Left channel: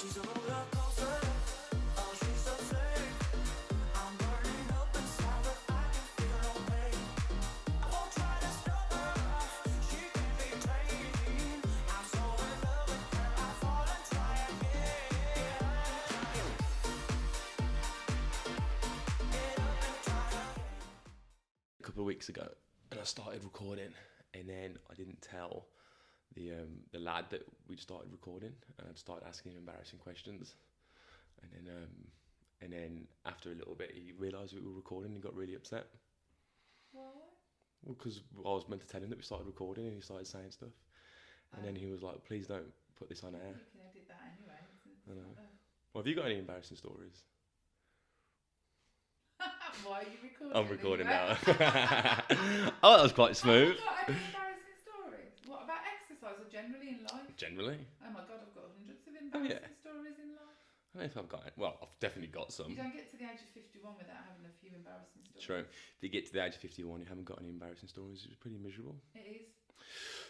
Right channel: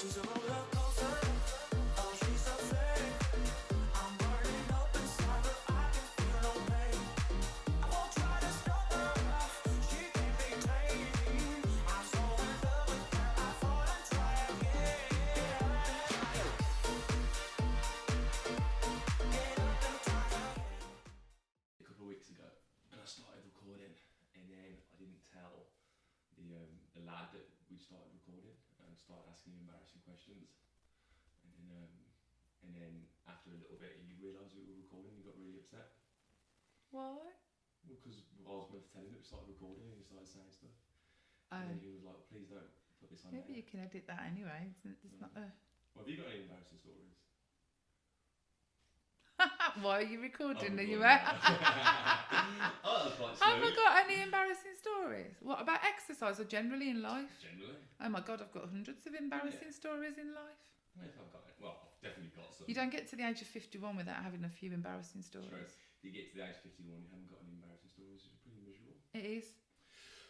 She's a roller coaster. Oh, she's so sick. I'm burning up inside, but I can feel no pain. I won't try to stop her. She can't be tamed. I'm so in love with her. I fall and try again. Get up and try again. A couple of weeks ago, and I started recording, and then I didn't tell the lad that we'd started recording, and I'd started asking him embarrassing questions, and then after a little bit, he realised we were recording and got really upset. Why? Well, because I was meant to tell him that we started recording, and he started saying stuff, and then he was like, "Please don't put this on air." Maybe you can edit that anyway. It's not a... Well, have you got any embarrassing stories? Why are you recording? I'm recording anyway? now. Oh, that was quite smooth. Have you got any embarrassing stories? What about exercise or generally in life? Generally, Oh my God, I've got hundreds of embarrassing stories in life. I don't know if I've got it. Well, I've definitely got some. You don't get to the age of 51 without having a few embarrassing stories. True. If you get to the age of 51, you haven't got any embarrassing stories. It's pretty miserable. It is.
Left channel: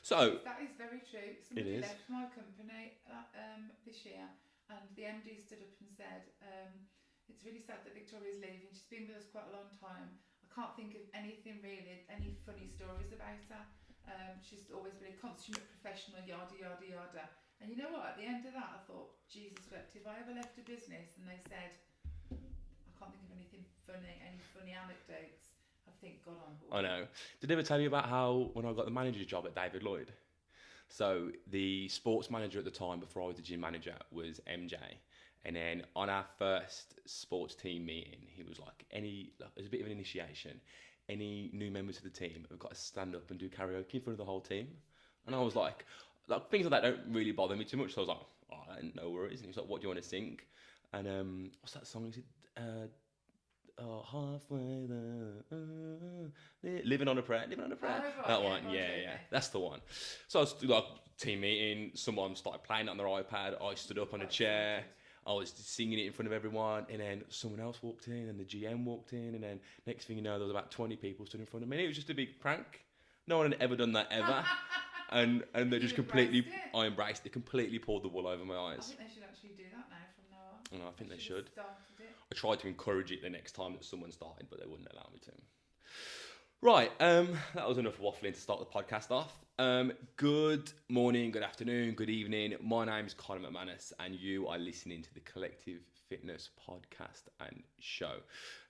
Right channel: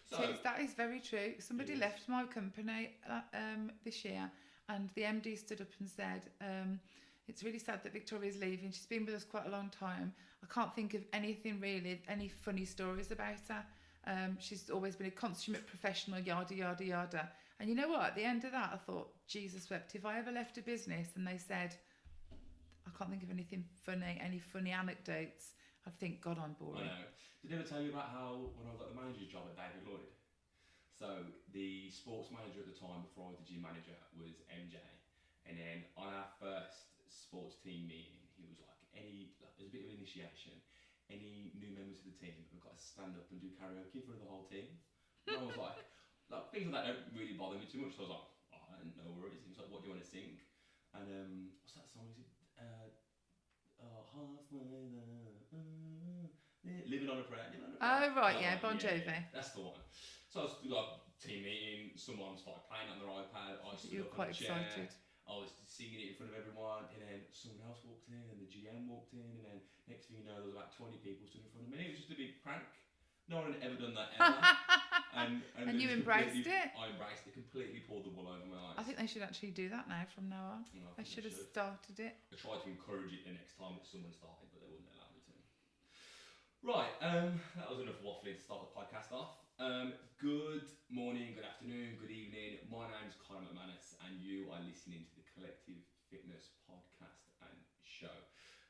So That is very true. Somebody is. left my company this year, and the MD stood up and said, it's really sad that Victoria's leaving. She's been with us quite a long time. I can't think of anything really, any funny stories about her. She's always been a consummate professional, yada, yada, yada. And you know what? At the end of that, I thought, Jesus wept. If I ever left a business and they said, I can't think of anything funny, any funny anecdotes, I'd think, God, I'm bored. I know. Did I ever tell you about how when I got the manager's job at David Lloyd? So the sports manager at the time, before I was the gym manager, was MJ. And then on our first sports team meeting, he was like, as a bit of an initiation, any new members of the team have got to stand up and do karaoke in front of the whole team. And I was like things like that don't really bother me too much. So I was like, oh, no worries. And he was like, what do you want to sing? And what's that song? Is it halfway there, living on a prayer. Oh, right, that yeah, one. Bon Jovi. Yeah, that's the one. So I was like team meeting. Someone started playing it on their iPad. I stood You were up on a quite chair. excited. I was singing it in front of everyone, and then someone else walked in, and the GM walked in, and then next thing you know, there was about 20 people stood in front of me. It was just a big prank. No one had ever done that ever, and they you just completely. embraced it? I embraced it. Completely pulled the wool over my I eyes. think they should actually do that now from now on. And I think they should have should. started it. I tried to encourage it the next time that someone started, but they wouldn't allow me to. Right, that was enough waffling to start the podcast off. Good morning, good afternoon, good evening. My name is Conor McManus, and you are listening to the Collective Fitness podcast and show.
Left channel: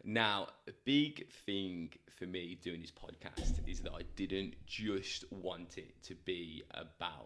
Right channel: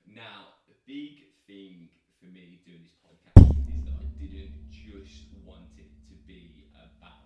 Now, a big thing for me doing this podcast is that I didn't just want it to be about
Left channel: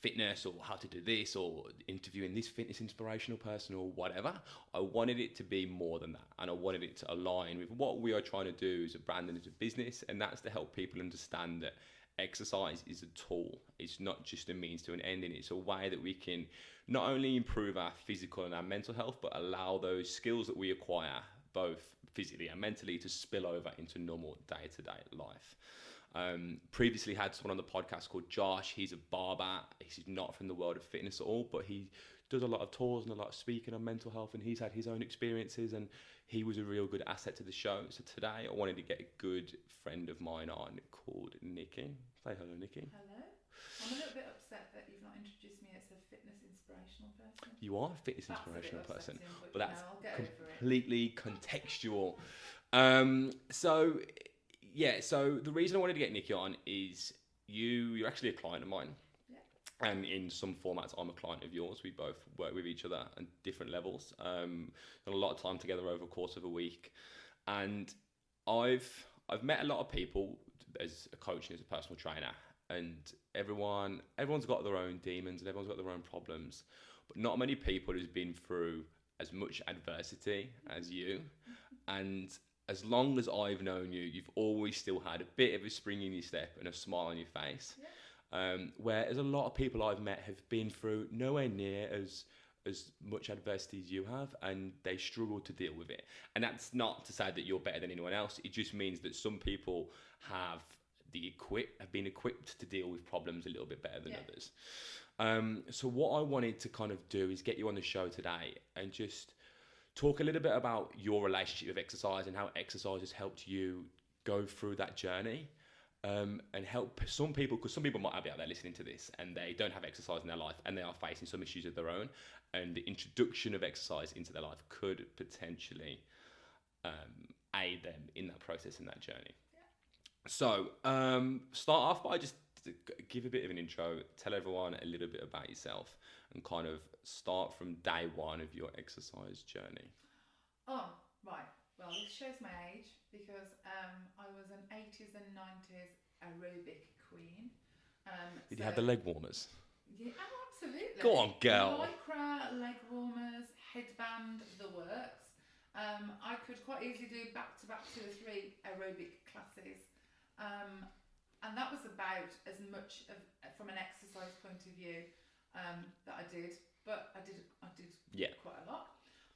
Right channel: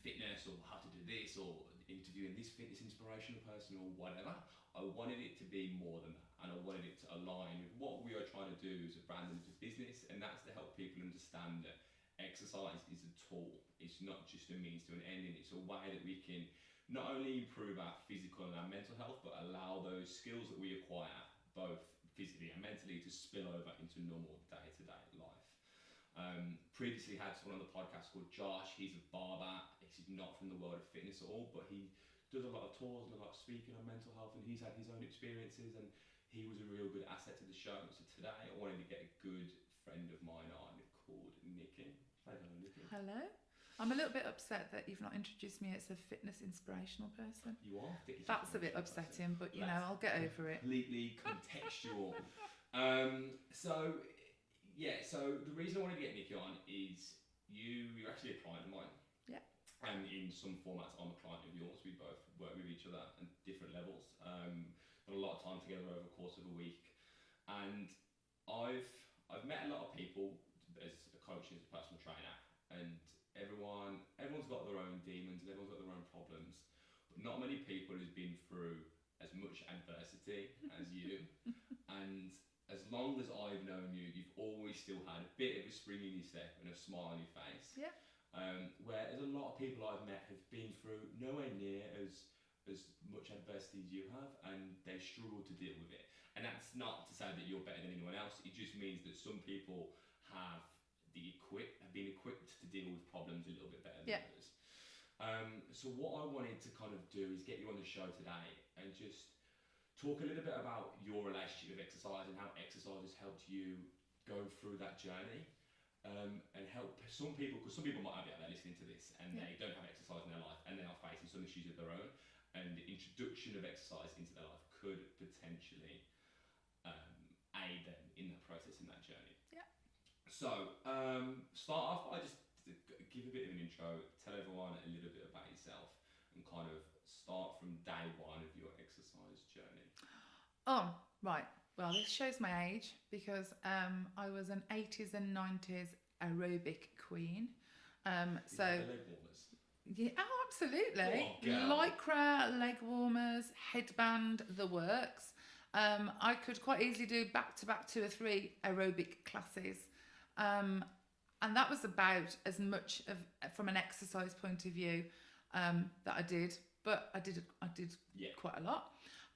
fitness or how to do this or interviewing this fitness inspirational person or whatever. I wanted it to be more than that, and I wanted it to align with what we are trying to do as a brand and as a business, and that's to help people understand that exercise is a tool. It's not just a means to an end, and it's a way that we can not only improve our physical and our mental health, but allow those skills that we acquire both physically and mentally to spill over into normal day-to-day life. Previously had someone on the podcast called Josh. He's a barber. He's not from the world of fitness at all, but he does a lot of tours and a lot of speaking on mental health, and he's had his own experiences, and he was a real good asset to the show. So today I wanted to get a good friend of mine on called Nikki. Say hello, Nikki. Hello. I'm a little bit upset that you've not introduced me as a fitness inspirational person. You are a fitness That's a bit inspirational person. upsetting, but Well, I'll get over it. Completely contextual. So the reason I wanted to get Nikki on is you're actually a client of mine. Yeah. And in some formats, I'm a client of yours. We both work with each other at different levels. Got a lot of time together over the course of a week, and I've met a lot of people as a coach and as a personal trainer, and everyone's got their own demons and everyone's got their own problems, but not many people who's been through as much adversity as you. And as long as I've known you, you've always still had a bit of a spring in your step and a smile on your face. Yeah. Whereas a lot of people I've met have been through nowhere near as much adversity as you have, and they struggle to deal with it. And that's not to say that you're better than anyone else. It just means that some people have been equipped to deal with problems a little bit better than others. So what I wanted to kind of do is get you on the show today and just talk a little bit about your relationship with exercise and how exercise has helped you go through that journey. and help some people, because some people might be out there listening to this and they don't have exercise in their life and they are facing some issues of their own, and the introduction of exercise into their life could potentially aid them in that process, in that journey. Yeah. So start off by just give a bit of an intro, tell everyone a little bit about yourself, and kind of start from day one of your exercise journey. Oh, right. Well, this shows my age because I was an 80s and 90s aerobic queen. Did you have the leg warmers? Yeah, oh, absolutely. Go on, girl. Lycra, leg warmers, headband, the works. I could quite easily do back-to-back 2 or 3 aerobic classes. And that was about as much of from an exercise point of view that I did. But I did quite a lot.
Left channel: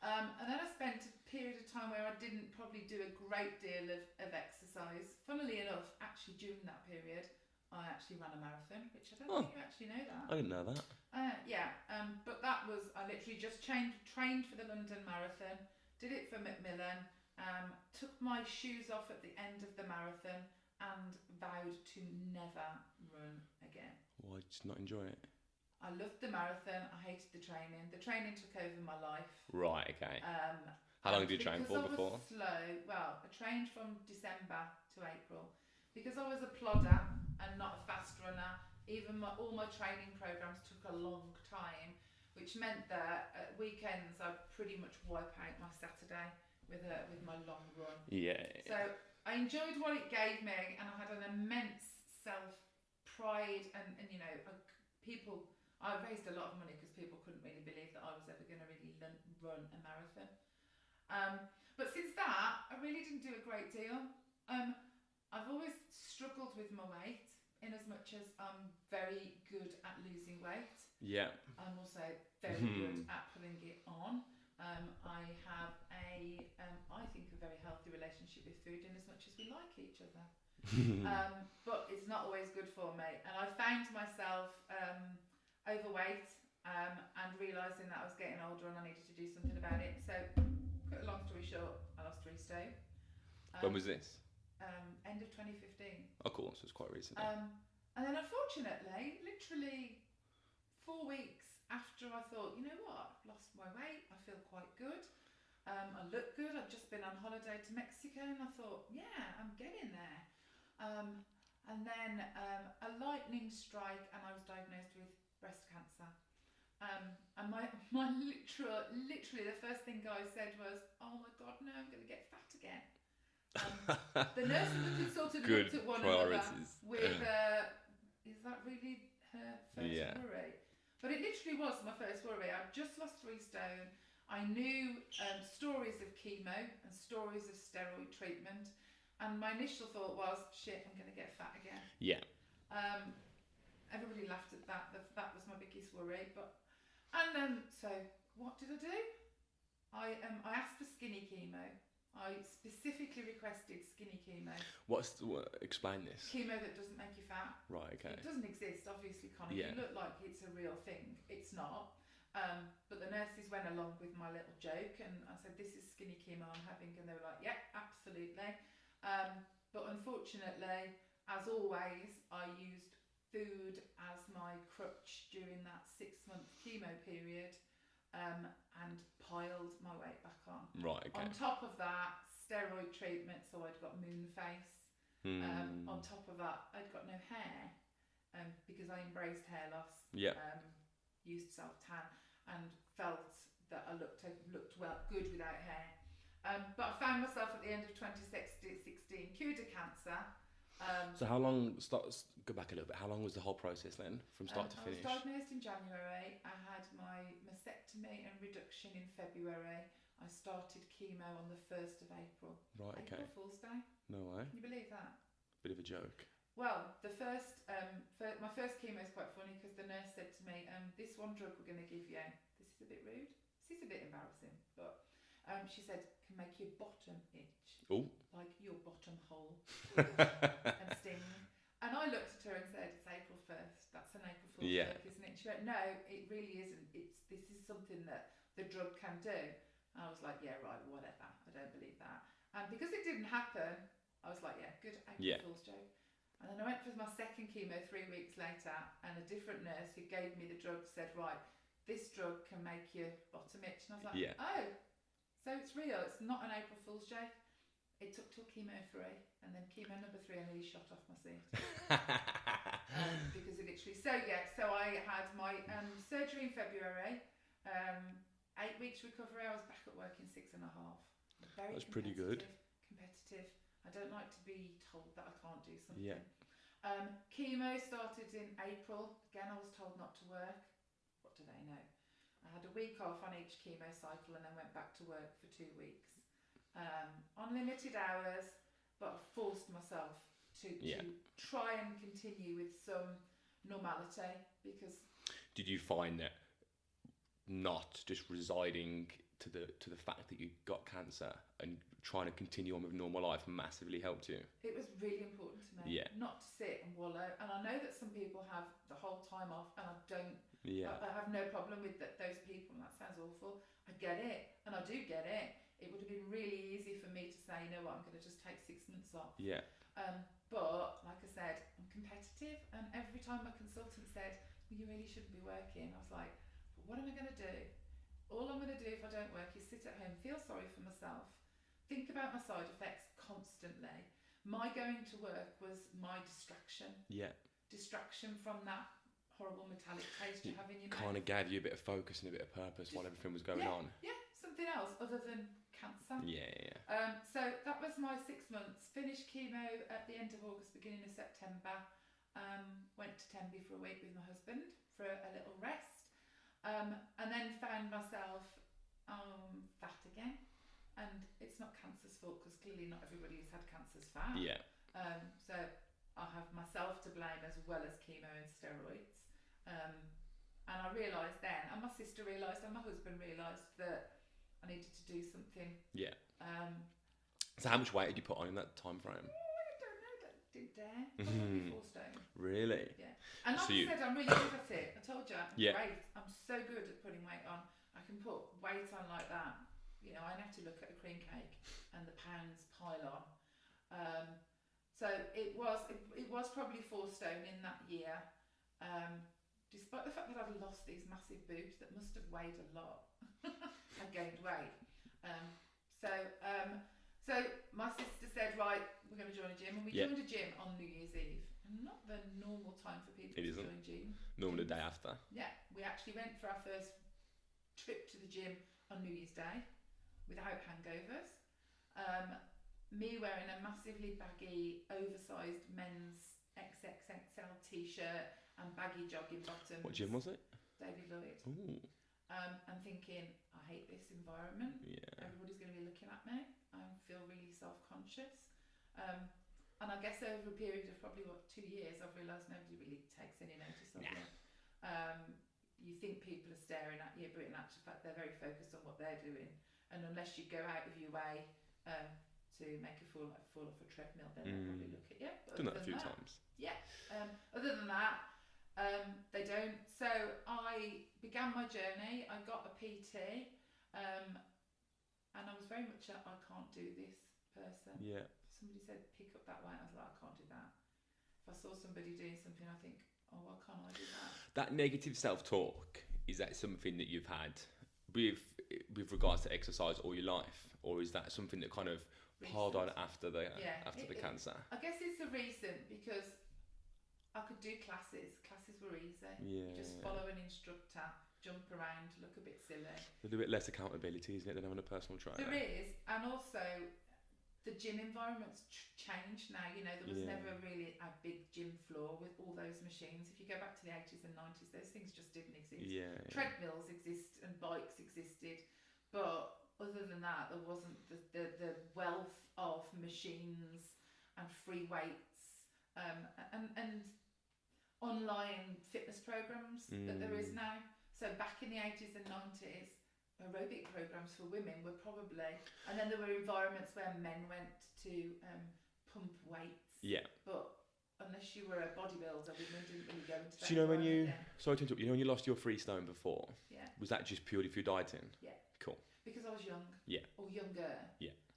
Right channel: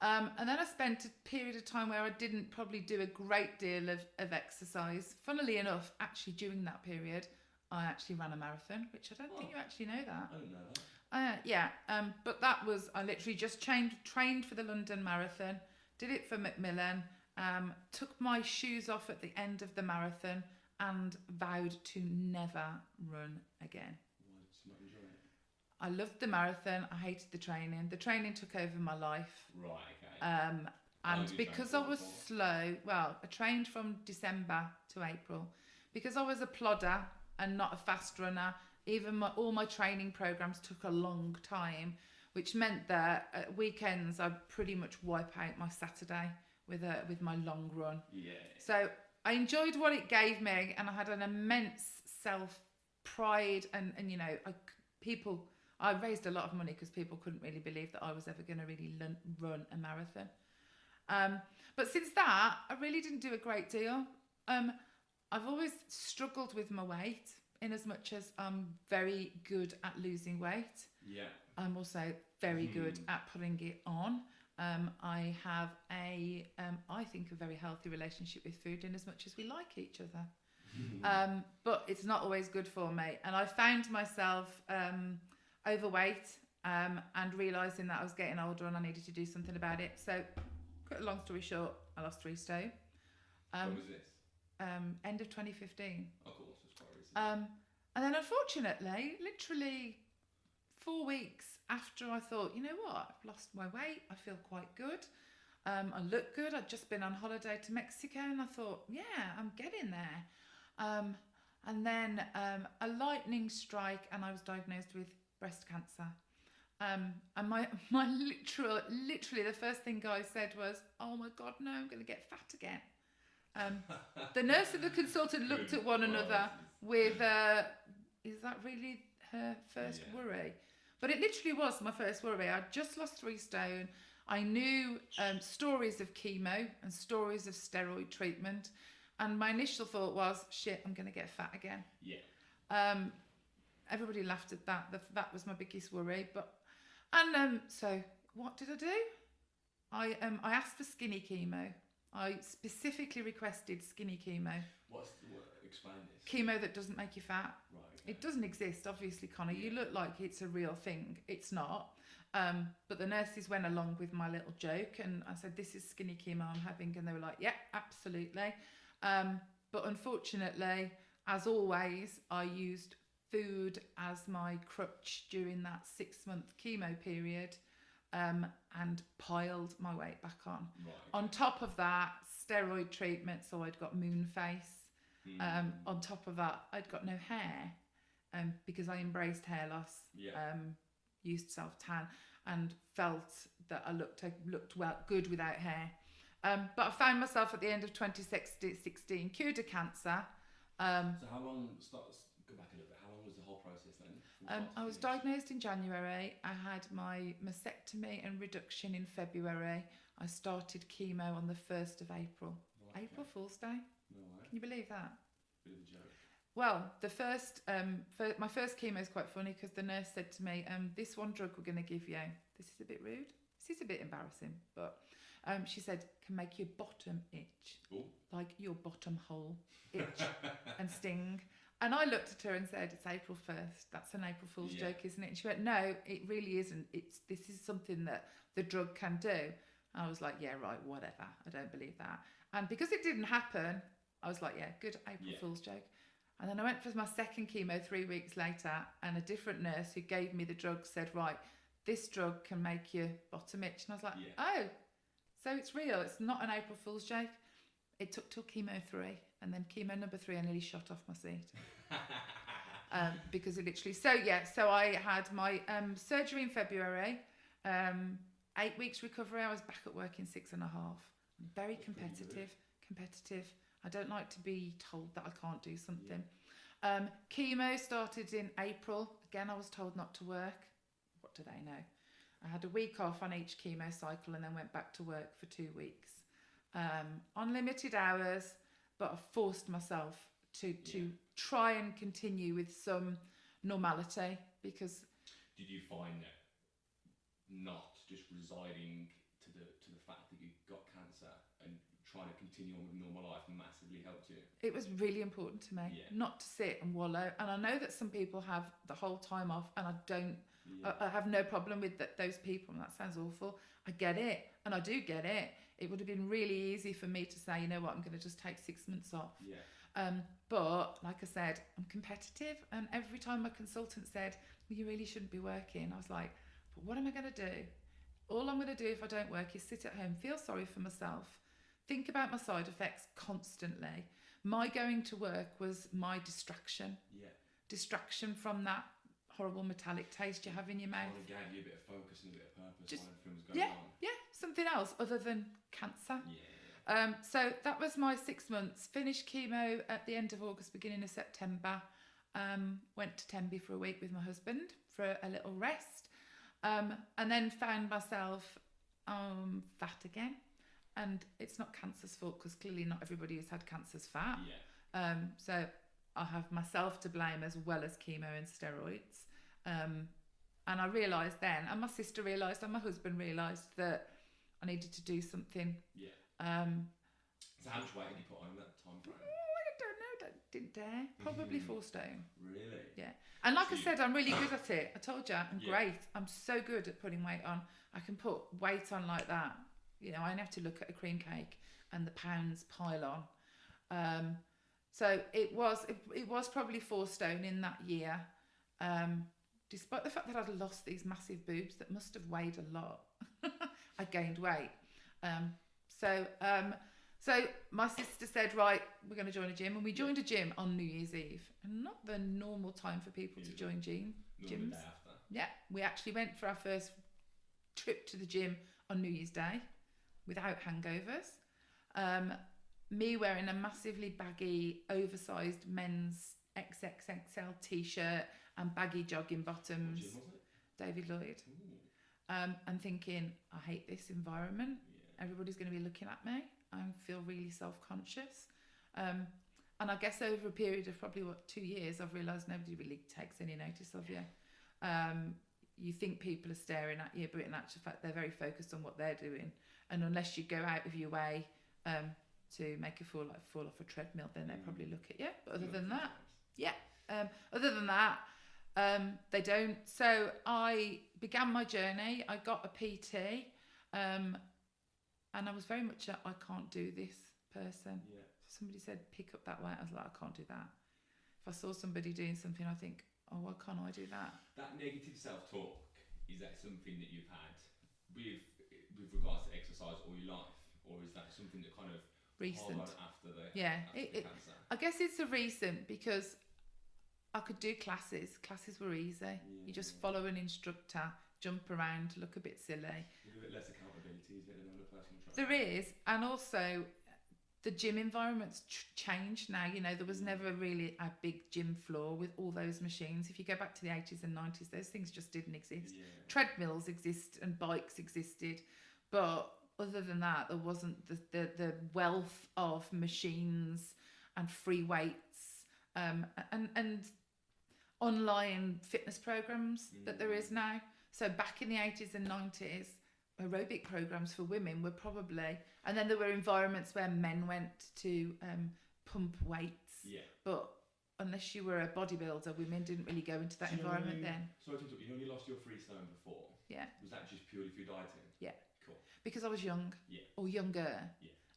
And then I spent a period of time where I didn't probably do a great deal of exercise. Funnily enough, actually during that period, I actually ran a marathon, which I don't think you actually know that. I didn't know that. But that was, I literally just trained for the London Marathon, did it for Macmillan, took my shoes off at the end of the marathon and vowed to never run again. Why did you not enjoy it? I loved the marathon. I hated the training. The training took over my life. Right, okay. How long did you train because for I was before? slow, well, I trained from December to April. Because I was a plodder and not a fast runner, even all my training programs took a long time, which meant that at weekends I'd pretty much wipe out my Saturday with my long run. Yeah. So I enjoyed what it gave me, and I had an immense self-pride, and you know, I raised a lot of money because people couldn't really believe that I was ever going to really run a marathon. But since that, I really didn't do a great deal. I've always struggled with my weight, in as much as I'm very good at losing weight. Yeah. I'm also very good at putting it on. I have I think, a very healthy relationship with food, in as much as we like each other. But it's not always good for me. And I found myself overweight and realising that I was getting older and I needed to do something about it. So, cut a long story short, I lost 3 stone. When was this? End of 2015. Oh, cool. So it's quite recent. And then unfortunately, literally 4 weeks after I thought, you know what, I've lost my weight, I feel quite good. I look good. I'd just been on holiday to Mexico and I thought, yeah, I'm getting there. And then a lightning strike and I was diagnosed with breast cancer. And my literally the first thing guys said was, oh my God, no, I'm going to get fat again. The nurse and the consultant looked at one another with, is that really her first worry? But it literally was my first worry. I'd just lost 3 stone. I knew stories of chemo and stories of steroid treatment. And my initial thought was, shit, I'm going to get fat again. Yeah. Everybody laughed at that. That was my biggest worry. So what did I do? I asked for skinny chemo. I specifically requested skinny chemo. Explain this. Chemo that doesn't make you fat. Right, okay. It doesn't exist, obviously, Connor. Yeah. You look like it's a real thing. It's not. But the nurses went along with my little joke and I said, this is skinny chemo I'm having. And they were like, yeah, absolutely. But unfortunately, as always, I used food as my crutch during that 6-month chemo period. And piled my weight back on. Right, okay. On top of that, steroid treatment, so I'd got moon face. On top of that, I'd got no hair because I embraced hair loss. Yeah. Used self-tan and felt that I looked good without hair. But I found myself at the end of 2016 cured of cancer. So how long, go back a little bit, how long was the whole process then, from start to finish? I was diagnosed in January. I had my mastectomy and reduction in February. I started chemo on the 1st of April. Right, okay. April Fool's Day. No way. Can you believe that? Bit of a joke. Well, my first chemo is quite funny because the nurse said to me, this one drug we're going to give you, this is a bit rude, this is a bit embarrassing, but she said, can make your bottom itch. Oh. Like your bottom hole itch and sting. And I looked at her and said, it's April 1st. That's an April Fool's joke, isn't it? And she went, no, it really isn't. This is something that the drug can do. And I was like, yeah, right, whatever. I don't believe that. And because it didn't happen, I was like, yeah, good April Fool's joke. And then I went for my second chemo 3 weeks later, and a different nurse who gave me the drug said, right, this drug can make your bottom itch. And I was like, oh, so it's real. It's not an April Fool's joke. It took till chemo 3, and then chemo number 3, I nearly shot off my seat. Because it literally, so I had my surgery in February, 8 weeks recovery. I was back at work in 6.5. Very That's pretty good. Competitive. I don't like to be told that I can't do something. Chemo started in April. Again, I was told not to work. What do they know? I had a week off on each chemo cycle and then went back to work for 2 weeks. On limited hours, but I forced myself to try and continue with some normality, because... Did you find that not just residing to the fact that you got cancer and trying to continue on with normal life massively helped you? It was really important to me not to sit and wallow. And I know that some people have the whole time off, and I don't. I have no problem with those people, and that sounds awful. I get it, and I do get it. It would have been really easy for me to say, you know what, I'm going to just take 6 months off. But like I said, I'm competitive, and every time my consultant said, well, you really shouldn't be working, I was like, but what am I going to do? All I'm going to do if I don't work is sit at home, feel sorry for myself, think about my side effects constantly. My going to work was my distraction. Distraction from that horrible metallic taste you have in your mouth. Kind of gave you a bit of focus and a bit of purpose while everything was going on. Something else other than cancer. So that was my 6 months. Finished chemo at the end of August, beginning of September. Went to Tenby for a week with my husband for a little rest. And then found myself fat again. And it's not cancer's fault, because clearly not everybody who's had cancer's fat. So I have myself to blame, as well as chemo and steroids. And I realised then, and my sister realised, and my husband realised, that I needed to do something. So how much weight did you put on in that time frame? I don't know. Didn't dare. Probably 4 stone. Really? Yeah. And like I said, I'm really good at it. I told you, I'm great. I'm so good at putting weight on. I can put weight on like that. You know, I only have to look at a cream cake and the pounds pile on. So it was probably 4 stone in that year. Despite the fact that I'd lost these massive boobs that must have weighed a lot. I gained weight. So my sister said, right, we're going to join a gym. And we joined a gym on New Year's Eve. And not the normal time for people to join gyms. Normally the day after. Yeah, we actually went for our first trip to the gym on New Year's Day without hangovers. Me wearing a massively baggy, oversized men's XXXL t-shirt and baggy jogging bottoms. What gym was it? David Lloyd. Ooh. And thinking, I hate this environment. Everybody's going to be looking at me. I feel really self-conscious. And I guess over a period of probably 2 years, I've realised nobody really takes any notice of you. You think people are staring at you, but in actual fact, they're very focused on what they're doing. And unless you go out of your way to make a fall off a treadmill, then they'll probably look at you. But other than that, other than that, they don't. So I began my journey. I got a PT, and I was very much a I can't do this person. Somebody said pick up that weight. I was like, I can't do that. If I saw somebody doing something, I think, oh, why can't I do that? That negative self-talk, is that something that you've had with regards to exercise all your life, or is that something that kind of piled on after the cancer? I guess it's a recent, because I could do classes. Classes were easy. You just follow an instructor, jump around, look a bit silly. A little bit less accountability, isn't it, than having a personal trainer? There is, and also the gym environment's changed now. You know, there was never really a big gym floor with all those machines. If you go back to the 80s and 90s, those things just didn't exist. Treadmills exist and bikes existed, but other than that, there wasn't the wealth of machines and free weights and online fitness programs that there is now. So back in the 80s and 90s, aerobic programs for women were probably, and then there were environments where men went to pump weights. But unless you were a bodybuilder, women didn't really go into that environment then. Sorry to interrupt. You know when you lost your 3 stone before? Was that just purely through dieting? Cool. Because I was young. Or younger.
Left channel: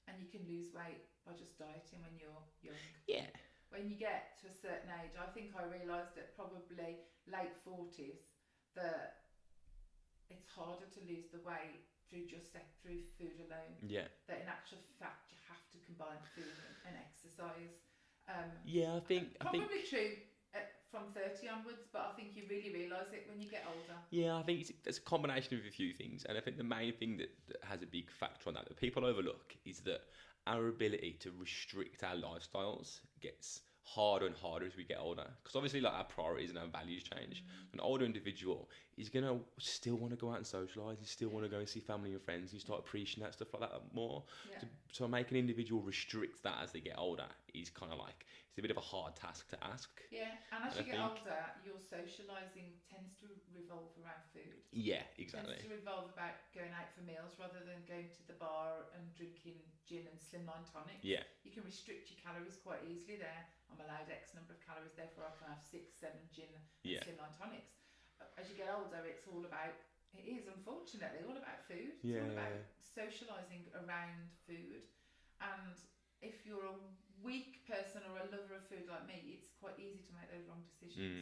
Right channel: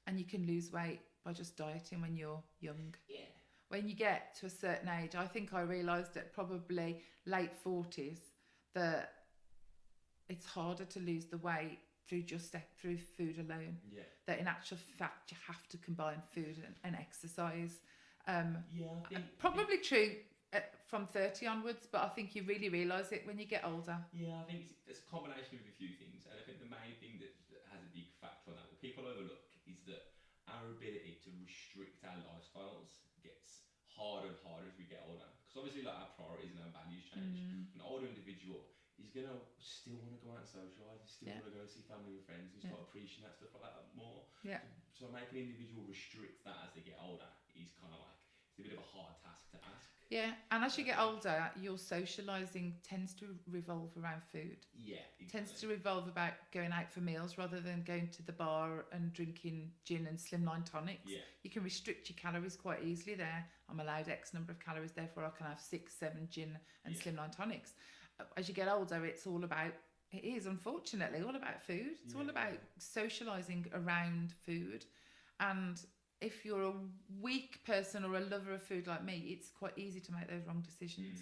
And you can lose weight by just dieting when you're young. when you get to a certain age, I think I realised at probably late 40s that it's harder to lose the weight through food alone. Yeah. That in actual fact you have to combine food and exercise. Yeah, I think Probably true from 30 onwards, but I think you really realise it when you get older. Yeah, I think it's a combination of a few things, and I think the main thing that has a big factor on that people overlook is that our ability to restrict our lifestyles gets harder and harder as we get older, because obviously like our priorities and our values change. An older individual is gonna still want to go out and socialise, he still want to go and see family and friends, and start appreciating that stuff like that more. Yeah. So make an individual restrict that as they get older is kind of like, it's a bit of a hard task to ask. Yeah, and as you I get think- older, your socialising tends to revolve around food. Yeah, exactly. Tends to revolve about going out for meals rather than going to the bar and drinking gin and slimline tonics. Yeah. You can restrict your calories quite easily there. I'm allowed X number of calories, therefore I can have 6, 7 gin and Yeah. slimline tonics. As you get older, it's all about, it is unfortunately all about food. It's all about socialising around food. And if you're a weak person or a lover of food like me, it's quite easy to make those wrong decisions.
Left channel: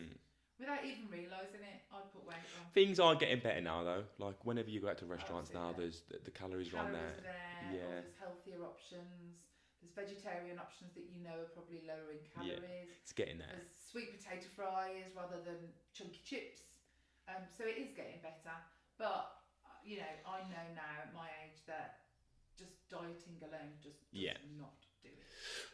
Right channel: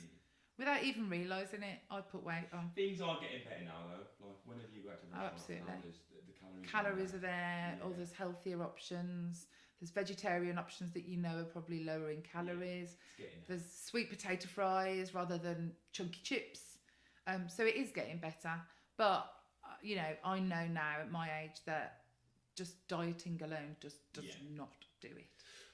Without even realising it, I put weight on. Things are getting better now though. Like whenever you go out to restaurants now, Absolutely. there's the calories Calories on are there, or Yeah. there's healthier options. There's vegetarian options that you know are probably lower in calories. It's getting there. There's sweet potato fries rather than chunky chips. So it is getting better. But, you know, I know now at my age that just dieting alone just does not do it.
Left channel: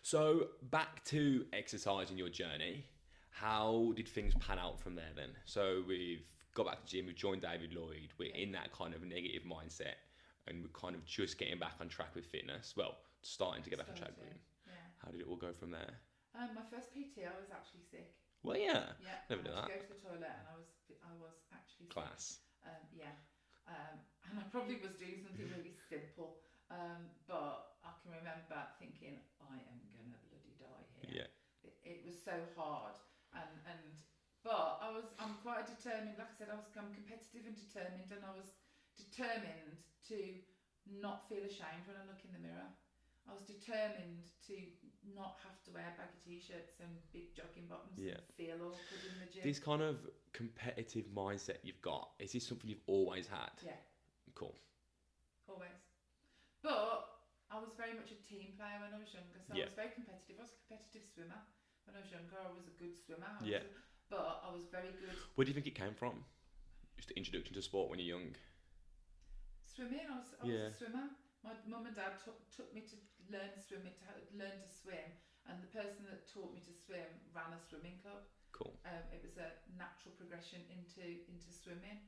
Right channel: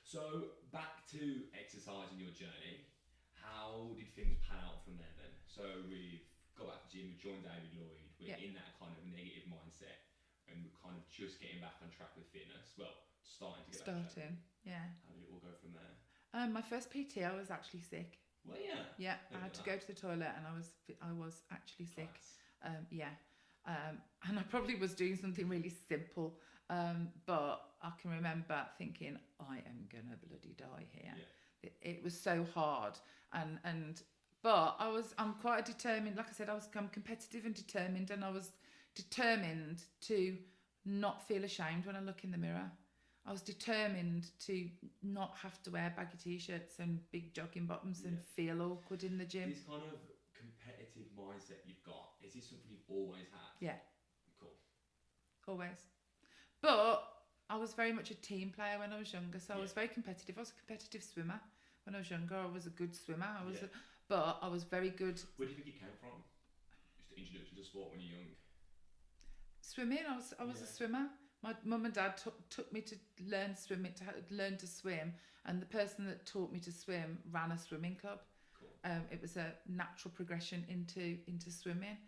So back to exercise in your journey. How did things pan out from there then? So we've got back to the gym, we've joined David Lloyd, we're in that kind of negative mindset, and we're kind of just getting back on track with fitness. Well, starting to get back on track. Yeah. How did it all go from there? My first PT, I was actually sick. Well, yeah. Yeah, Never I had done to that. go to the toilet and I was actually sick. Class. And I probably was doing something really simple, but I can remember thinking, I am gonna bloody die here. Yeah. It was so hard, but I'm quite determined. Like I said, I'm competitive and determined, and I was determined to not feel ashamed when I look in the mirror. I was determined to not have to wear baggy t-shirts and big jogging bottoms and feel awkward in the gym. This kind of competitive mindset you've got, is this something you've always had? Yeah. Cool. Always. But I was very much a team player when I was younger, so I was very competitive. I was a competitive swimmer. When I was younger, I was a good swimmer. But I was very good. Where do you think it came from? Just the introduction to sport when you're young? Swimming. I was a swimmer. My mum and dad took me to learn swimming, learn to swim, and the person that taught me to swim ran a swimming club. Cool. It was a natural progression into swimming,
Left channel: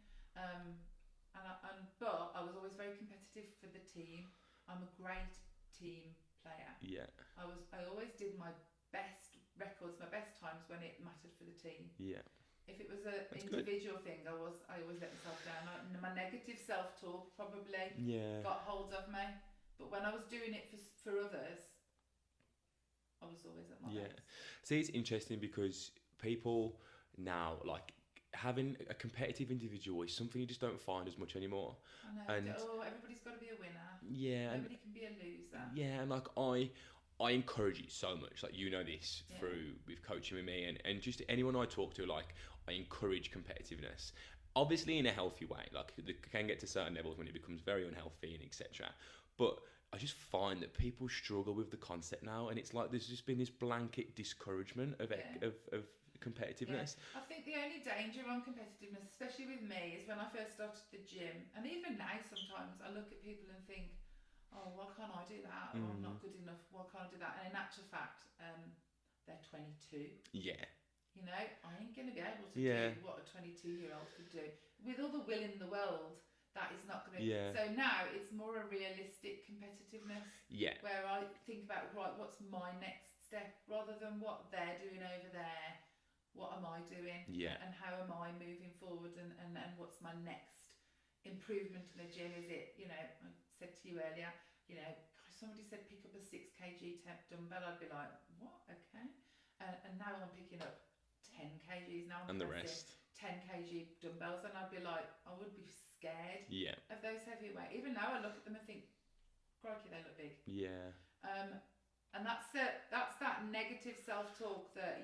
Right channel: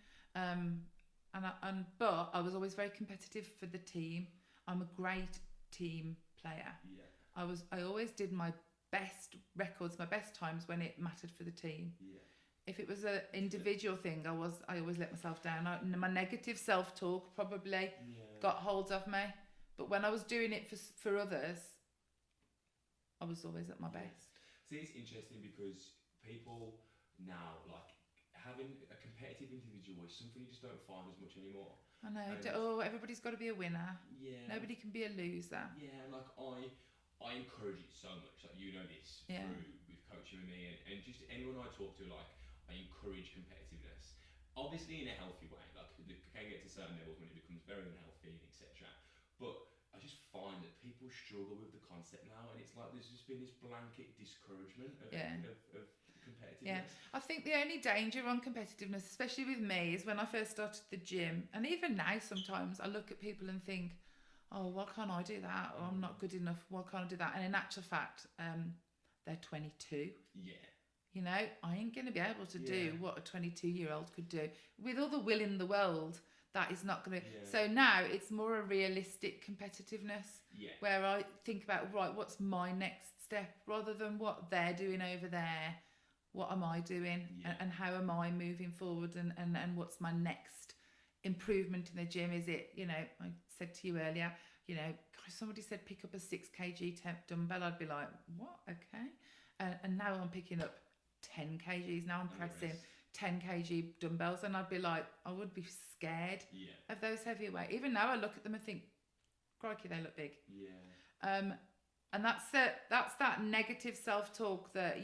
but I was always very competitive for the team. I'm a great team player. Yeah. I always did my best records, my best times when it mattered for the team. Yeah. If it was an individual thing, I always let myself down. My negative self-talk probably got hold of me. But when I was doing it for others, I was always at my best. See, it's interesting because people now, like, having a competitive individual is something you just don't find as much anymore. I know. Everybody's got to be a winner. Yeah. Nobody can be a loser. Yeah, and like I encourage it so much. Like, you know this through with coaching with me, and just anyone I talk to, like, I encourage competitiveness. Obviously in a healthy way. Like, it can get to certain levels when it becomes very unhealthy and etc. But I just find that people struggle with the concept now, and it's like there's just been this blanket discouragement of competitiveness. Yeah. I think the only danger on competitiveness, especially with me, is when I first started the gym, and even now sometimes I look at people and think, oh, why can't I do that? Or I'm not good enough, why can't I do that? And in actual fact, they're 22. Yeah. You know, I ain't going to be able to do what a 22-year-old could do. With all the will in the world, that is not going to... Yeah. So now it's more a realistic competitiveness. Yeah. Where I think about, right, what's my next step? Rather than what they're doing over there, what am I doing? Yeah. And how am I moving forward? And what's my next improvement in the gym? Is it, you know, I said to you earlier, you know, gosh, somebody said pick up a 6 kg dumbbell. I'd be like, what? Okay. And now I'm picking up 10 kgs. Now I'm pressing 10 kg dumbbells, and I'd be like, I would be scared of those heavy weight. Even now I look at them and think, crikey, they look big. Yeah. And that's that negative self-talk that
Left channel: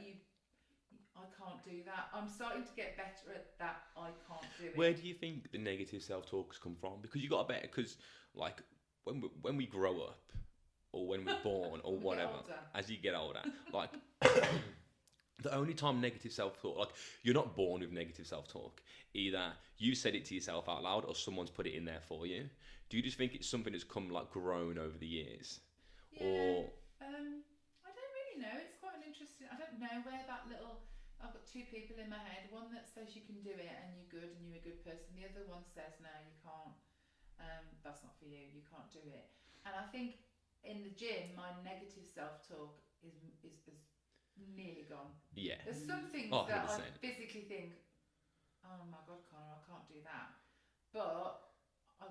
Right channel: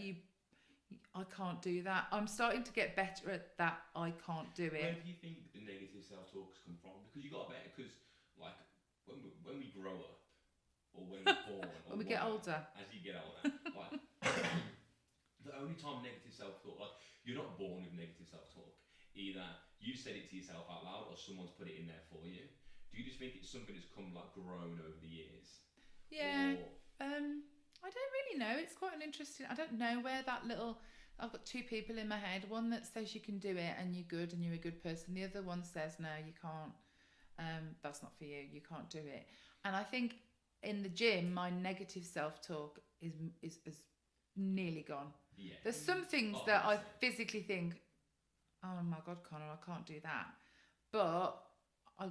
I can't do that. I'm starting to get better at that. I can't do it. Where do you think the negative self-talks come from? Because you got to bet, because like when we grow up, or when we're born, or When we get whatever, older. as you get older, like the only time negative self-talk, like you're not born with negative self-talk. Either you said it to yourself out loud, or someone's put it in there for you. Do you just think it's something that's come like grown over the years? Yeah. Or I don't really know. It's quite an interesting. I don't know where that little. I've got two people in my head. One that says you can do it and you're good and you're a good person. The other one says no, you can't. That's not for you. You can't do it. And I think in the gym, my negative self-talk is nearly gone. yeah, There's some things Oh, that I 100%. physically think, oh my God, Connor, I can't do that. But I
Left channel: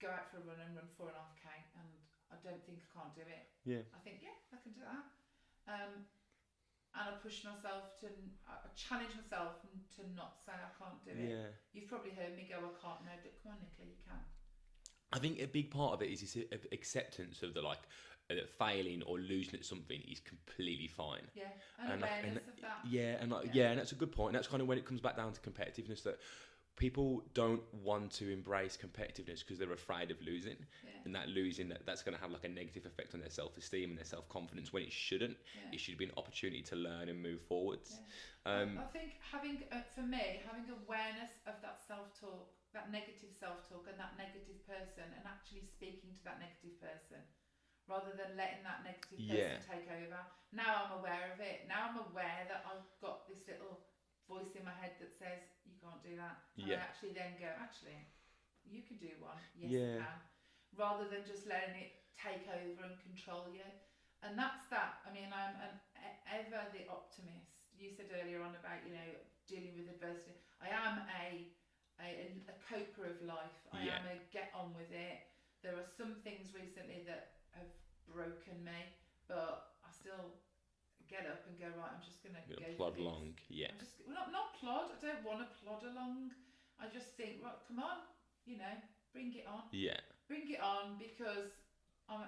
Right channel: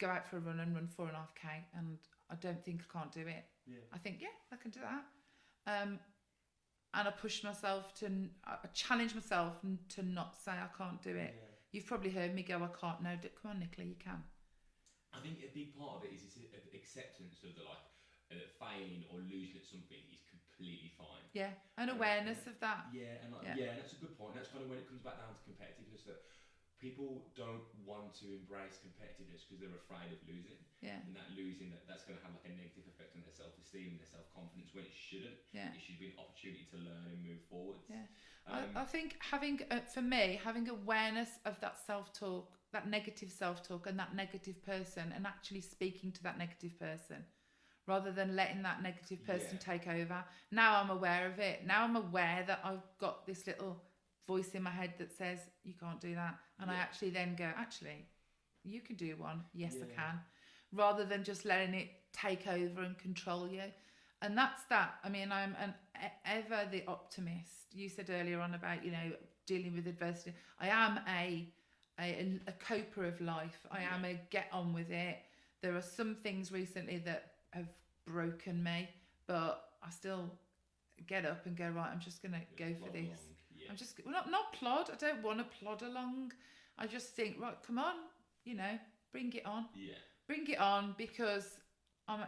go out for a run and run 4.5k, and I don't think I can't do it. yeah, I think, yeah, I can do that. And I push myself I challenge myself to not say I can't do it. yeah. You've probably heard me go, I can't. No, come on, Nicola, you can. I think a big part of it is this acceptance of the like failing or losing at something is completely fine. Yeah, and And awareness of that. Yeah, and like, Yeah. yeah, and that's a good point. And that's kind of when it comes back down to competitiveness, that people don't want to embrace competitiveness because they're afraid of losing, Yeah, and that losing that's going to have like a negative effect on their self-esteem and their self-confidence when it shouldn't. yeah. It should be an opportunity to learn and move forwards. Yeah. Um, I think for me, having awareness of that self-talk, that negative self-talk and that negative person, and actually speaking to that negative person rather than letting that negative person Yeah. take over. Now I'm aware of it. Now I'm aware that I've got this little voice in my head that says, you can't do that. And I Yeah. actually then go, actually, you can do one. Yes, I Yeah. can. Rather than just letting it take over and control you. And that's that. I mean, I'm ever the optimist. You said earlier on about, dealing with adversity. I am a coper of life. I Yeah. am a get on with it. There are some things recently that have broken me, but I still get up and go, right, I'm just going to go for plod this. along. Yeah. I'm just not plod. I don't want to plod along. I just think, right, come on, bring it on. Yeah. Bring it on, because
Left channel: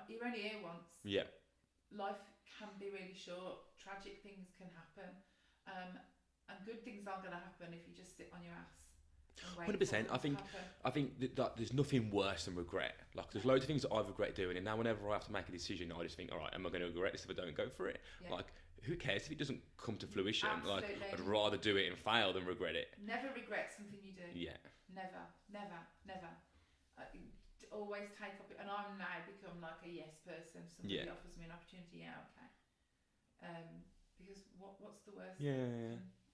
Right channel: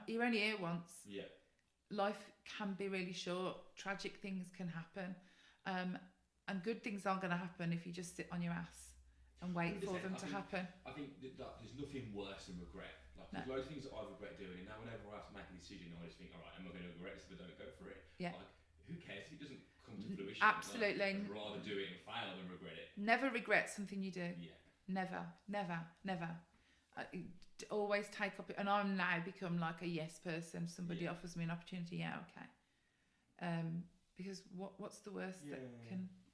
you're only here once. Yeah. Life can be really short. Tragic things can happen, and good things aren't going to happen if you just sit on your ass and wait 100%. for them to happen. I think that there's nothing worse than regret. Like, there's loads of things that I regret doing, and now whenever I have to make a decision, I just think, all right, am I going to regret this if I don't go for it? Yeah. Like, who cares if it doesn't come to fruition? Absolutely. Like, I'd rather do it and fail than regret it. Never regret something you do. Yeah. Never, never, never. Always take up, and I'm now become like a yes person. Somebody Yeah. offers me an opportunity, yeah, okay. Because what's the worst? Yeah.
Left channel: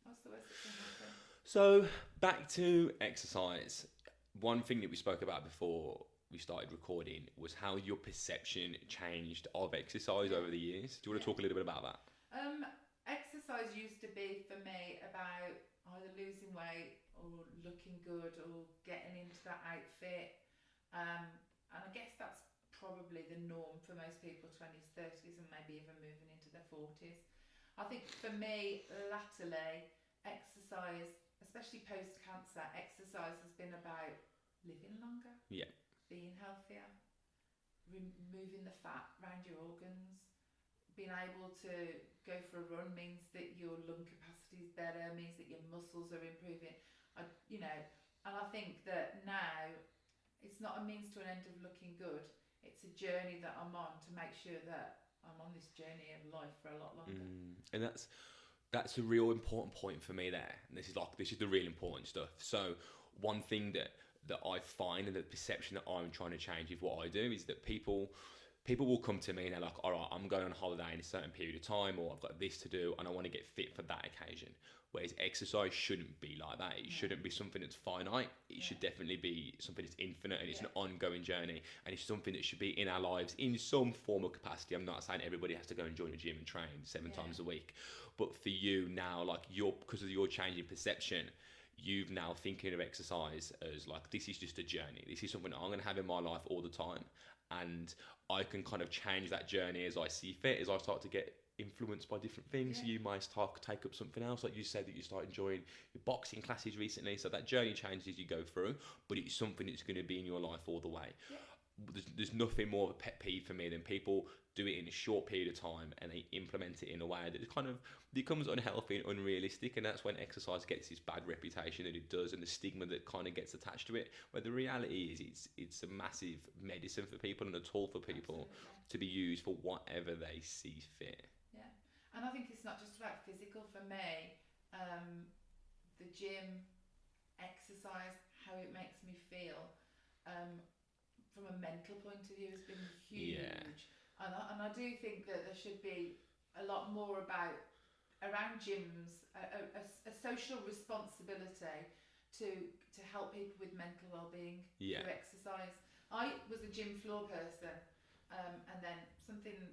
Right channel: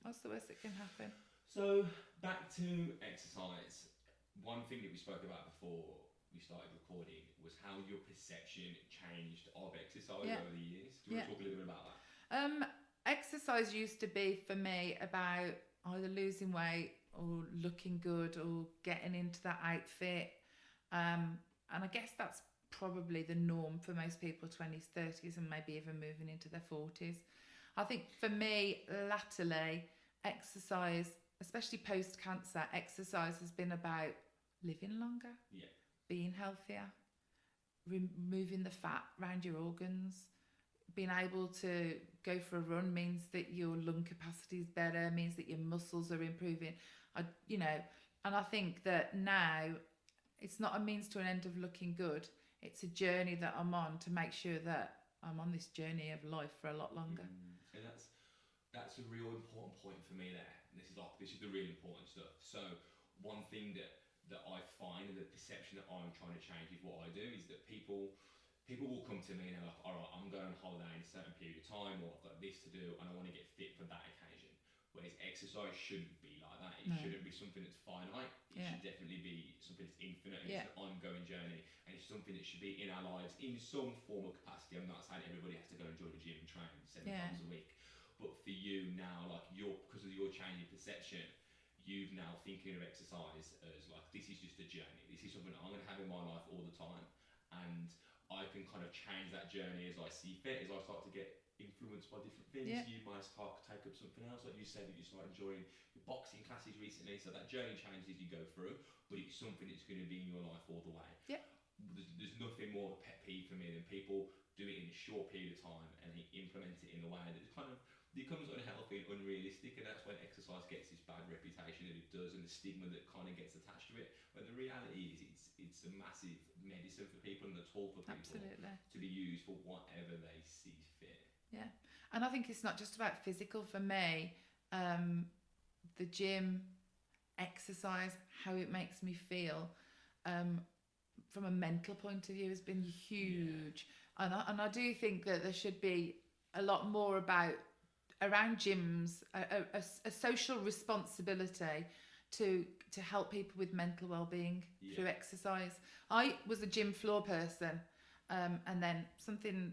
What's the worst that can happen? So back to exercise. One thing that we spoke about before we started recording was how your perception changed of exercise Yeah. over the years. Do you want Yeah. to talk a little bit about that? Exercise used to be for me about either losing weight or looking good or getting into that outfit. And I guess that's probably the norm for most people, 20s, 30s, and maybe even moving into their 40s. I think for me, latterly, exercise, especially post-cancer, exercise has been about living longer, Yeah. being healthier, removing the fat around your organs. Being able to go for a run means that your lung capacity is better, means that your muscles are improving. And I think that now it's not a means to an end of looking good. It's a journey that I'm on to make sure that I'm on this journey of life for a lot longer. And that's a real important point for me there. And this is the real important stuff. So one thing that I find, and the perception that I'm trying to change with what I do, is that people will come to me and they're like, all right, I'm going on holiday in a certain period of time, or I've got this to do and I want to get fit for that occasion. Whereas exercise shouldn't be like that. It shouldn't be something that's finite. It should definitely be something that's infinite, and it's an ongoing journey, and it's something that should be in our lives in some form of capacity. I'm not saying everybody has to go and join a gym and train 7 times a week, but for you now, like because of your change in perception, you've now thinking of exercise as like, this is just a journey. This is something I'm going to have in my life all the time, and I can kind of change that journey as I see fit, as I start to get influenced by different things. You might start to take up something else, like you said that you start enjoying your boxing classes recently, so that journey changes as you go through, but it's something that's going to be in your life all the way. there's nothing more of a pet peeve for me than people do it in a short period of time and they implement it in a way that it kind of becomes unhealthy and unrealistic, and that's when exercise gets this bad reputation that it does, and the stigma that kind of gets attached to it. But the reality is it's a massive medicine for people and a tool for people to be used for whatever they see fit. Yeah, and I think it's not just about physical. For me, the gym, exercise, how it makes me feel, from a mental point of view has been huge. And I do think that there should be a lot more around gyms, a social responsibility to help people with mental well-being through exercise. I was a gym floor person, and then something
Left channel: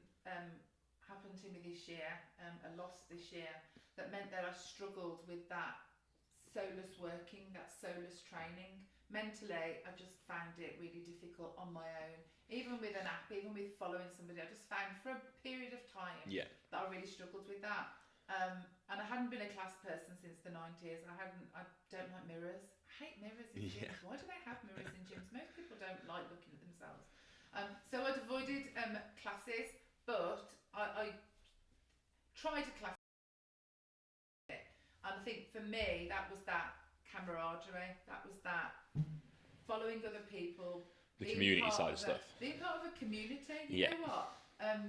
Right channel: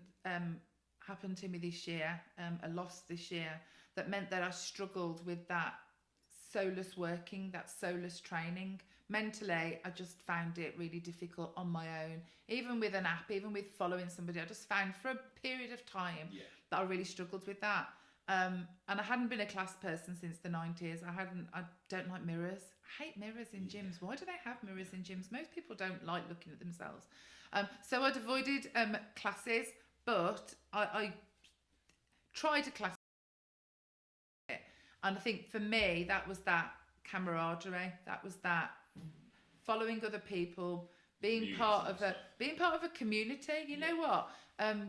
happened to me this year, a loss this year, that meant that I struggled with that soulless working, that soulless training. Mentally, I just found it really difficult on my own. Even with an app, even with following somebody, I just found for a period of time that I really struggled with that. And I hadn't been a class person since the 90s. I don't like mirrors. I hate mirrors in gyms. Why do they have mirrors in gyms? Most people don't like looking at themselves. So I'd avoided classes, but I tried a class. And I think for me, that was that camaraderie. That was that following other people, being part of a community. You know what?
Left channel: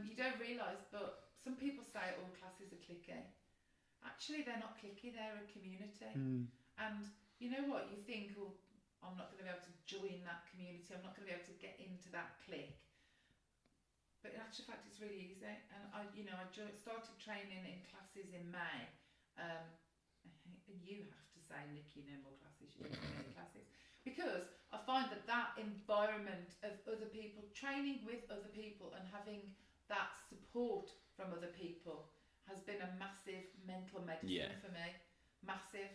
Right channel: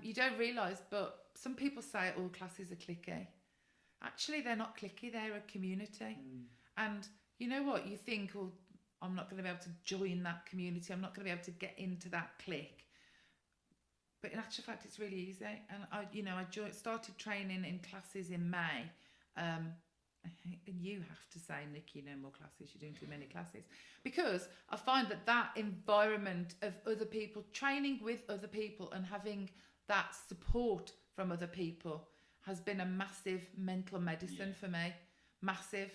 You don't realise, but some people say all classes are cliquey. Actually, they're not cliquey. They're a community. And you know what? You think, oh, I'm not going to be able to join that community. I'm not going to be able to get into that clique. But in actual fact, it's really easy. And I started training in classes in May. And you have to say, Nikki, no more classes. You're doing too many classes. Because I find that environment of other people, training with other people and having that support from other people has been a massive mental medicine for me. Massive.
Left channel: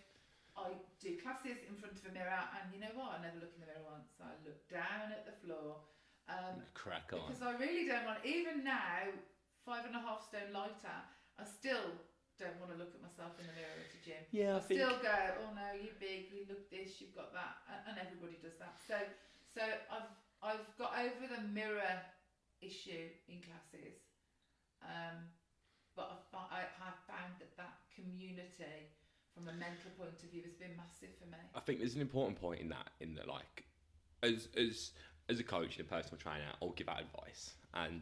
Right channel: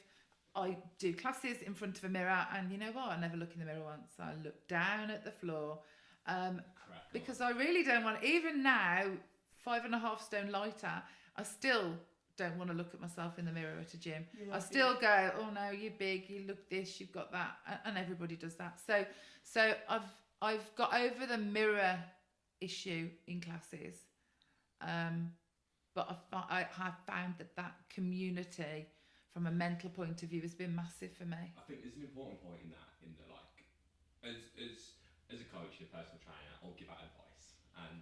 I do classes in front of a mirror, and you know what? I never look in the mirror once. I look down at the floor. Crack on. Because I really don't want, even now, 5.5 stone lighter, I still don't want to look at myself in the mirror at a gym. I still go, oh no, you're big, you look this, you've got that, and everybody does that. So I've got over the mirror issue in classes, but I have found that community from a mental point of view has been massive for me. I think there's an important point in that like, as a coach and a personal trainer, I'll give out advice, and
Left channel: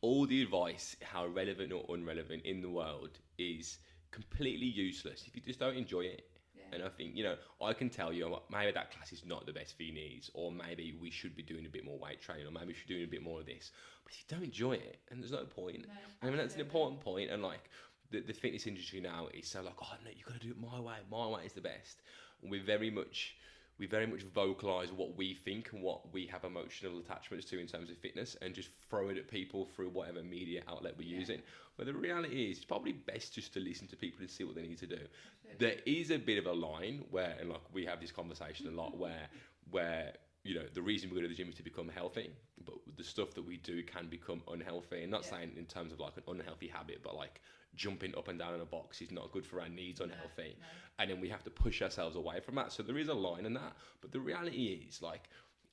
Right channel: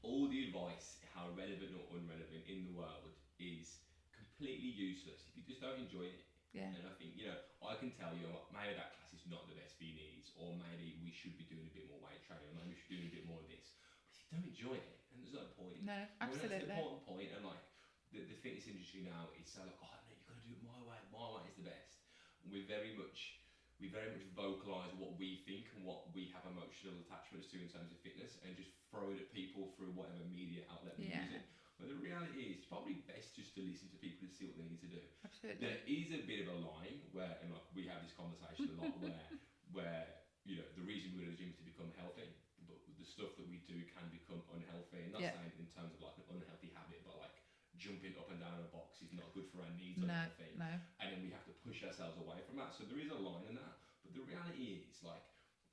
all the advice, how relevant or irrelevant in the world, is completely useless if you just don't enjoy it. And I think, I can tell you maybe that class is not the best for your knees, or maybe we should be doing a bit more weight training, or maybe we should be doing a bit more of this. But if you don't enjoy it, and there's no point. No, I mean, that's an important point. And like the fitness industry now is so like, oh no, you've got to do it my way. My way is the best. And we very much vocalise what we think and what we have emotional attachments to in terms of fitness, and just throw it at people through whatever media outlet we're using. But the reality is, it's probably best just to listen to people and see what they need to do. Absolutely. There is a bit of a line where, and like we have this conversation a lot, where the reason we go to the gym is to become healthy, but the stuff that we do can become unhealthy. And not saying in terms of like an unhealthy habit, but like jumping up and down in a box is not good for our knees, unhealthy. No. And then we have to push ourselves away from that. So there is a line in that. But the reality is, like,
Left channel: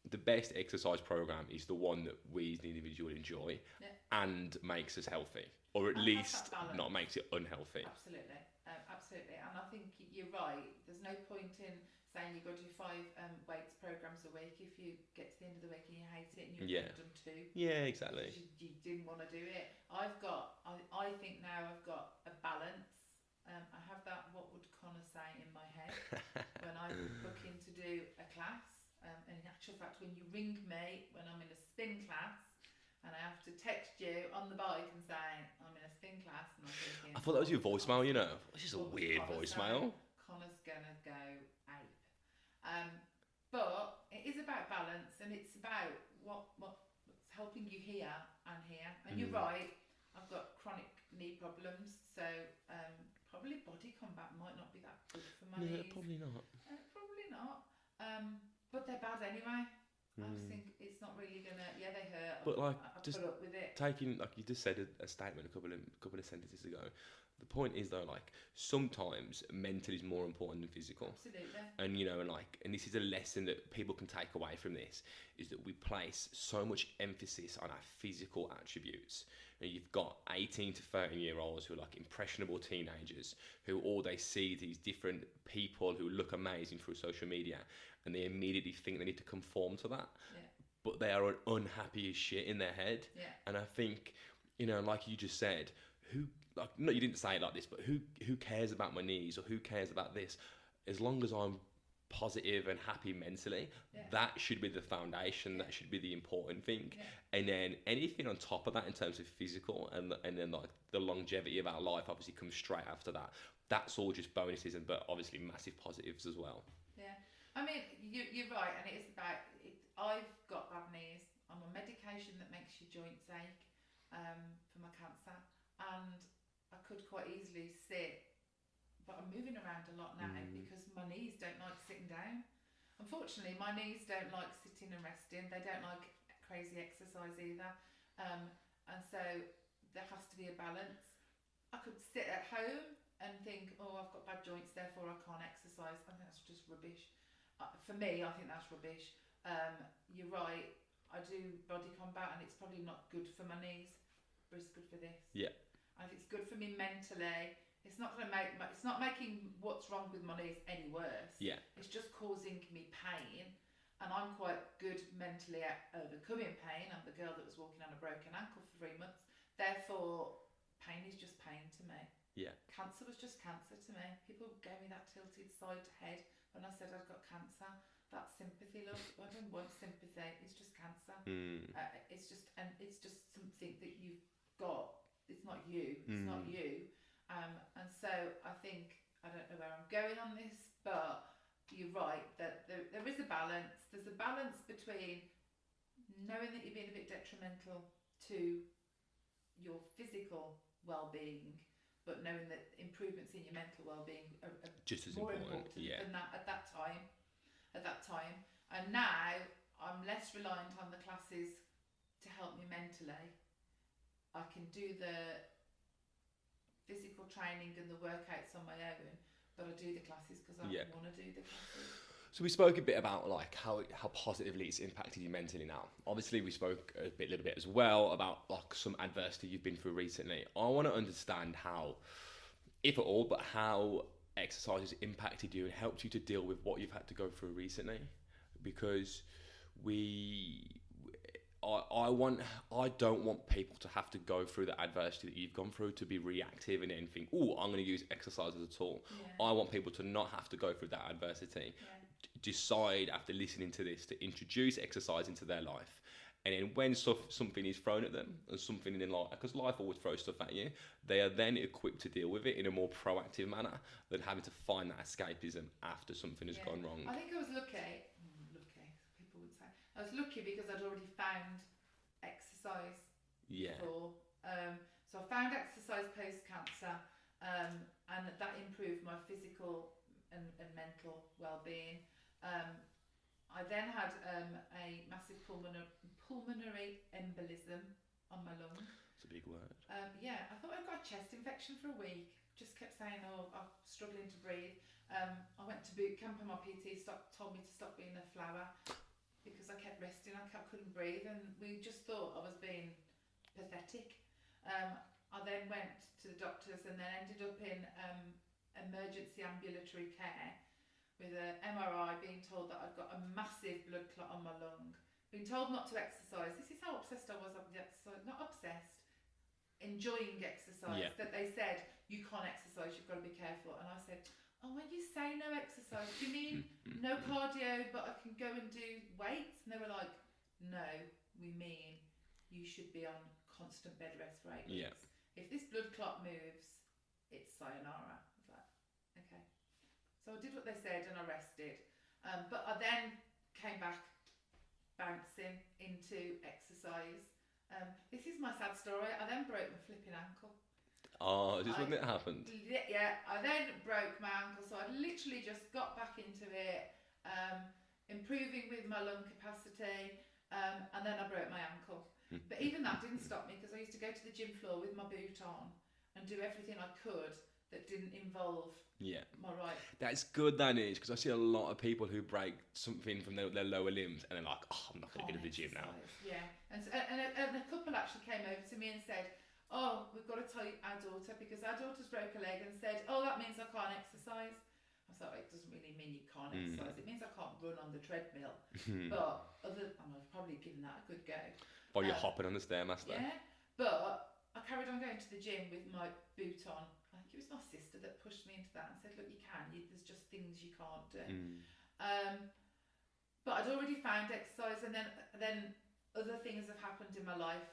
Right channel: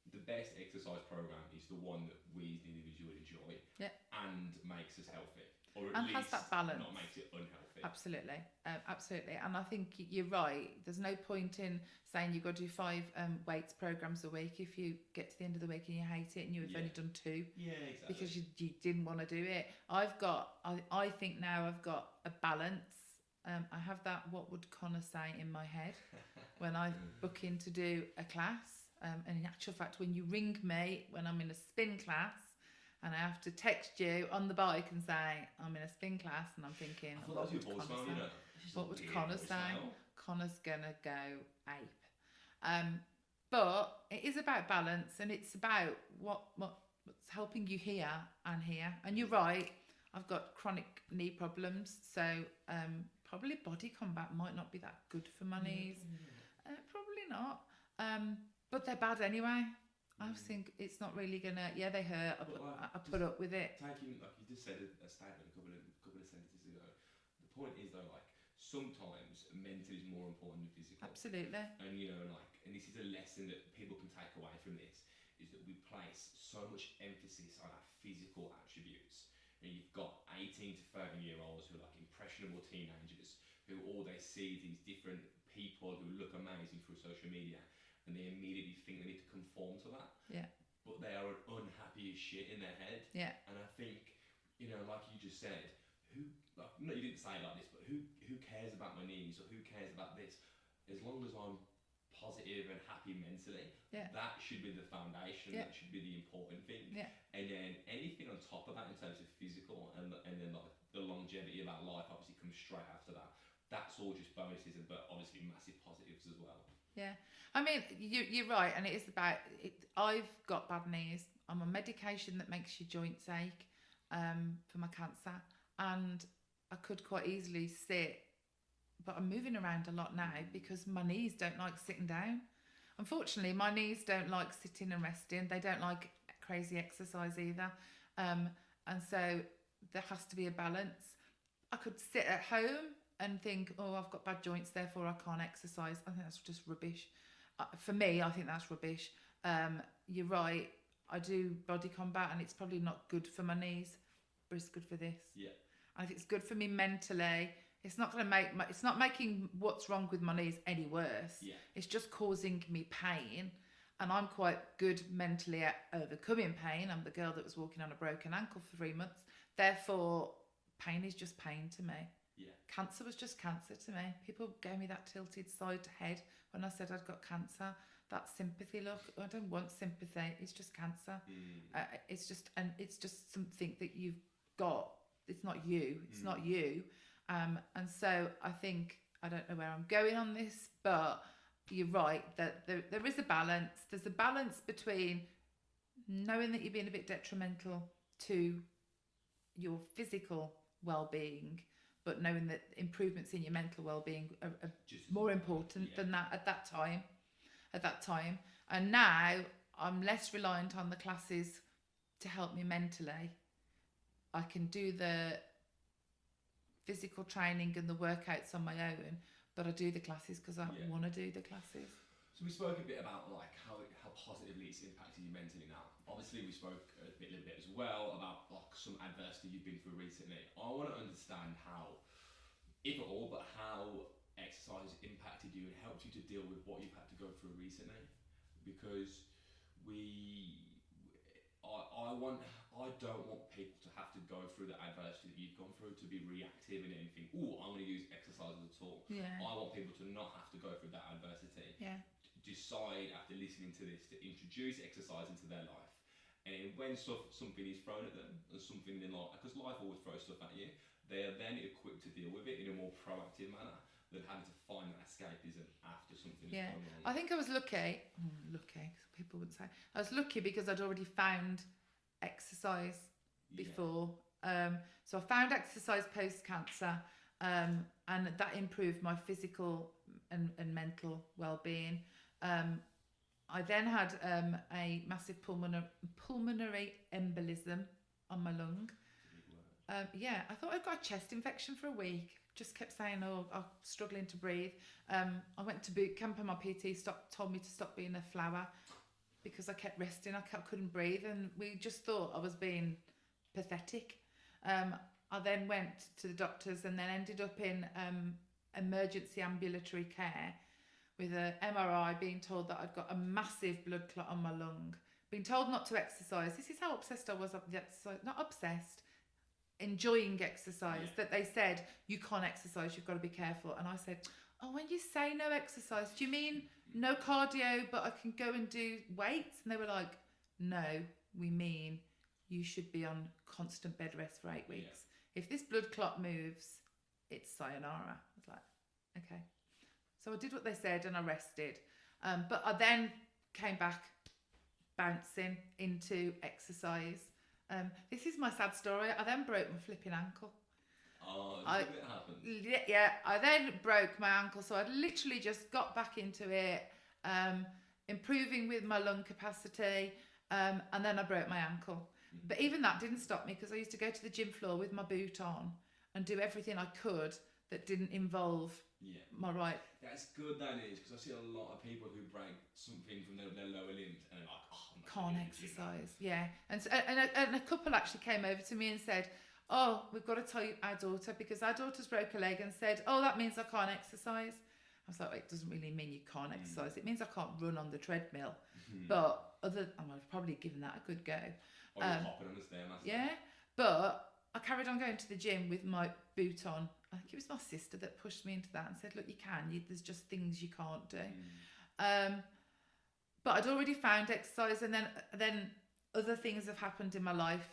the best exercise program is the one that we as an individual enjoy and makes us healthy, or at least not makes it unhealthy. Absolutely. And I think you're right. There's no point in saying you've got to do 5 weights programs a week if you get to the end of the week and you hate it and you've only done 2. Yeah, exactly. Because you didn't want to do it. I think now I've got a balance. I have that what would Connor say in my head when I book in to do a class. And in actual fact, when you ring me when I'm in a spin class, and I have to text you on the bike and say I'm in a spin class, and I'm thinking, I thought that was your voicemail, Which is a weird voicemail. Connor's gonna go ape. But it is about balance, and it's about what's helping you here and here. And you're right, I've got chronic knee problems, so probably body combat might not be that good for my knees. Probably not. But they're bad anyway. I think it's not really gonna. Yeah, they hurt. But like, I put up with it. Taking, like you just said, a statement a couple of sentences ago. the point is though, like sometimes mental is more important than physical. Absolutely. And and this is a lesson that people can take away from this, is that we place so much emphasis on our physical attributes. And you've got 18 to 30-year-olds who are like impressionable teenagers who all they see these different people who look amazing through social media, and they immediately think they need to conform to that. Yeah. But they are unhappy as shit in their head. Yeah. And I think, like you just said, no, you didn't say it like this, but who cares about my knees, or who cares about this? As long as I'm positive and happy mentally, that should be the foundation. That should be the important thing. And then anything on top of that in terms of physical and then like the longevity of our life obviously comes straight after that. That's all just bonuses, but obviously massive positives as well. Yeah, I mean, you're right, and it is about it. I've got bad knees. I'm on medication that makes your joints ache for my cancer, and I could quite easily sit, but I'm moving around a lot now because my knees don't like sitting down. Unfortunately, my knees don't like sitting and resting. They don't like crazy exercise either, and so there has to be a balance. I could sit at home and think, oh, I've got bad joints, therefore I can't exercise. I think that's just rubbish. For me, I think that's rubbish. You're right. I do body combat, and it's probably not good for my knees, but it's good for this. Yeah. I think it's good for me mentally. It's not going to it's not making what's wrong with my knees any worse. Yeah. It's just causing me pain, and I'm quite good mentally at overcoming pain. I'm the girl that was walking on a broken ankle for 3 months. Therefore, pain is just pain to me. Yeah. Cancer was just cancer to me. People gave me that tilted side head when I said I'd got cancer. That sympathy, love. I don't want sympathy. It's just cancer. It's just something that you've got. It's not you. It's not you. And so I think, I don't know where I'm going on this, but you're right that there is a balance. There's a balance between knowing that you're being a bit detrimental to your physical well-being, but knowing that improvements in your mental well-being are just as more important than that at that time. And now I'm less reliant on the classes to help me mentally. I can do the physical training and the workouts on my own, but I do the classes because I want to do the classes. So we spoke a bit about like how positively it's impacted you mentally now. Obviously we spoke a little bit as well about like some adversity you've been through recently. I want to understand how, if at all, but how exercise has impacted you and helped you to deal with what you've had to go through recently, because I don't want people to have to go through the adversity that you've gone through to be reactive and then think, oh, I'm going to use exercise as a tool. Yeah. I want people to not have to go through that adversity. Yeah. Decide after listening to this to introduce exercise into their life. And then when something is thrown at them, and something in life, because life always throws stuff at you, they are then equipped to deal with it in a more proactive manner than having to find that escapism after something has gone wrong. I think I was lucky. People would say I was lucky because I'd already found exercise before. So I found exercise post-cancer, and that improved my physical and mental well-being. I then had a massive pulmonary embolism on my lung. It's a big word. I thought I'd got a chest infection for a week. Just kept saying, oh, I'm struggling to breathe. I went to boot camp and my PT told me to stop being a flower because I kept resting. I couldn't breathe, and we just thought I was being pathetic. I then went to the doctors and then ended up in emergency ambulatory care with an MRI, being told that I'd got a massive blood clot on my lung, being told not to exercise. This is how obsessed I was with the exercise. Not obsessed, enjoying exercise. That they said, you can't exercise, you've got to be careful. And I said, oh, when you say no exercise, do you mean no cardio, but I can go and do weights? And they were like, no, we mean you should be on constant bed rest for 8 weeks. If this blood clot moves, it's sayonara. I was like, okay. So I did what they said and I rested. But I then came back bouncing into exercise. This is my sad story. I then broke my flipping ankle. Oh, just when it happened? Yeah, I then broke my ankle. So I literally just got back into it, improving with my lung capacity, and then I broke my ankle. But even that didn't stop me because I used to go to the gym floor with my boot on and do everything I could that didn't involve Yeah. my right That's good, that is, because I see a lot of people who break something from their lower limbs and they're like, oh, I'm not going to can't go to the gym now. exercise. Yeah, and a couple actually came over to me and said, "Oh, we've got to tell our daughter because our daughter's broke a leg," and said, "Oh, that means I can't exercise." I was like, "It doesn't really mean you can't exercise. It means I can't run on the treadmill." But I've probably given that a good go. While you're hopping on the Stairmaster. Yeah, but I carried on going to the gym with my boot on. I think it was my sister that pushed me into that and said, "Look, you can. There's just things you can't do." But I'd already found exercise, and then other things have happened in my life.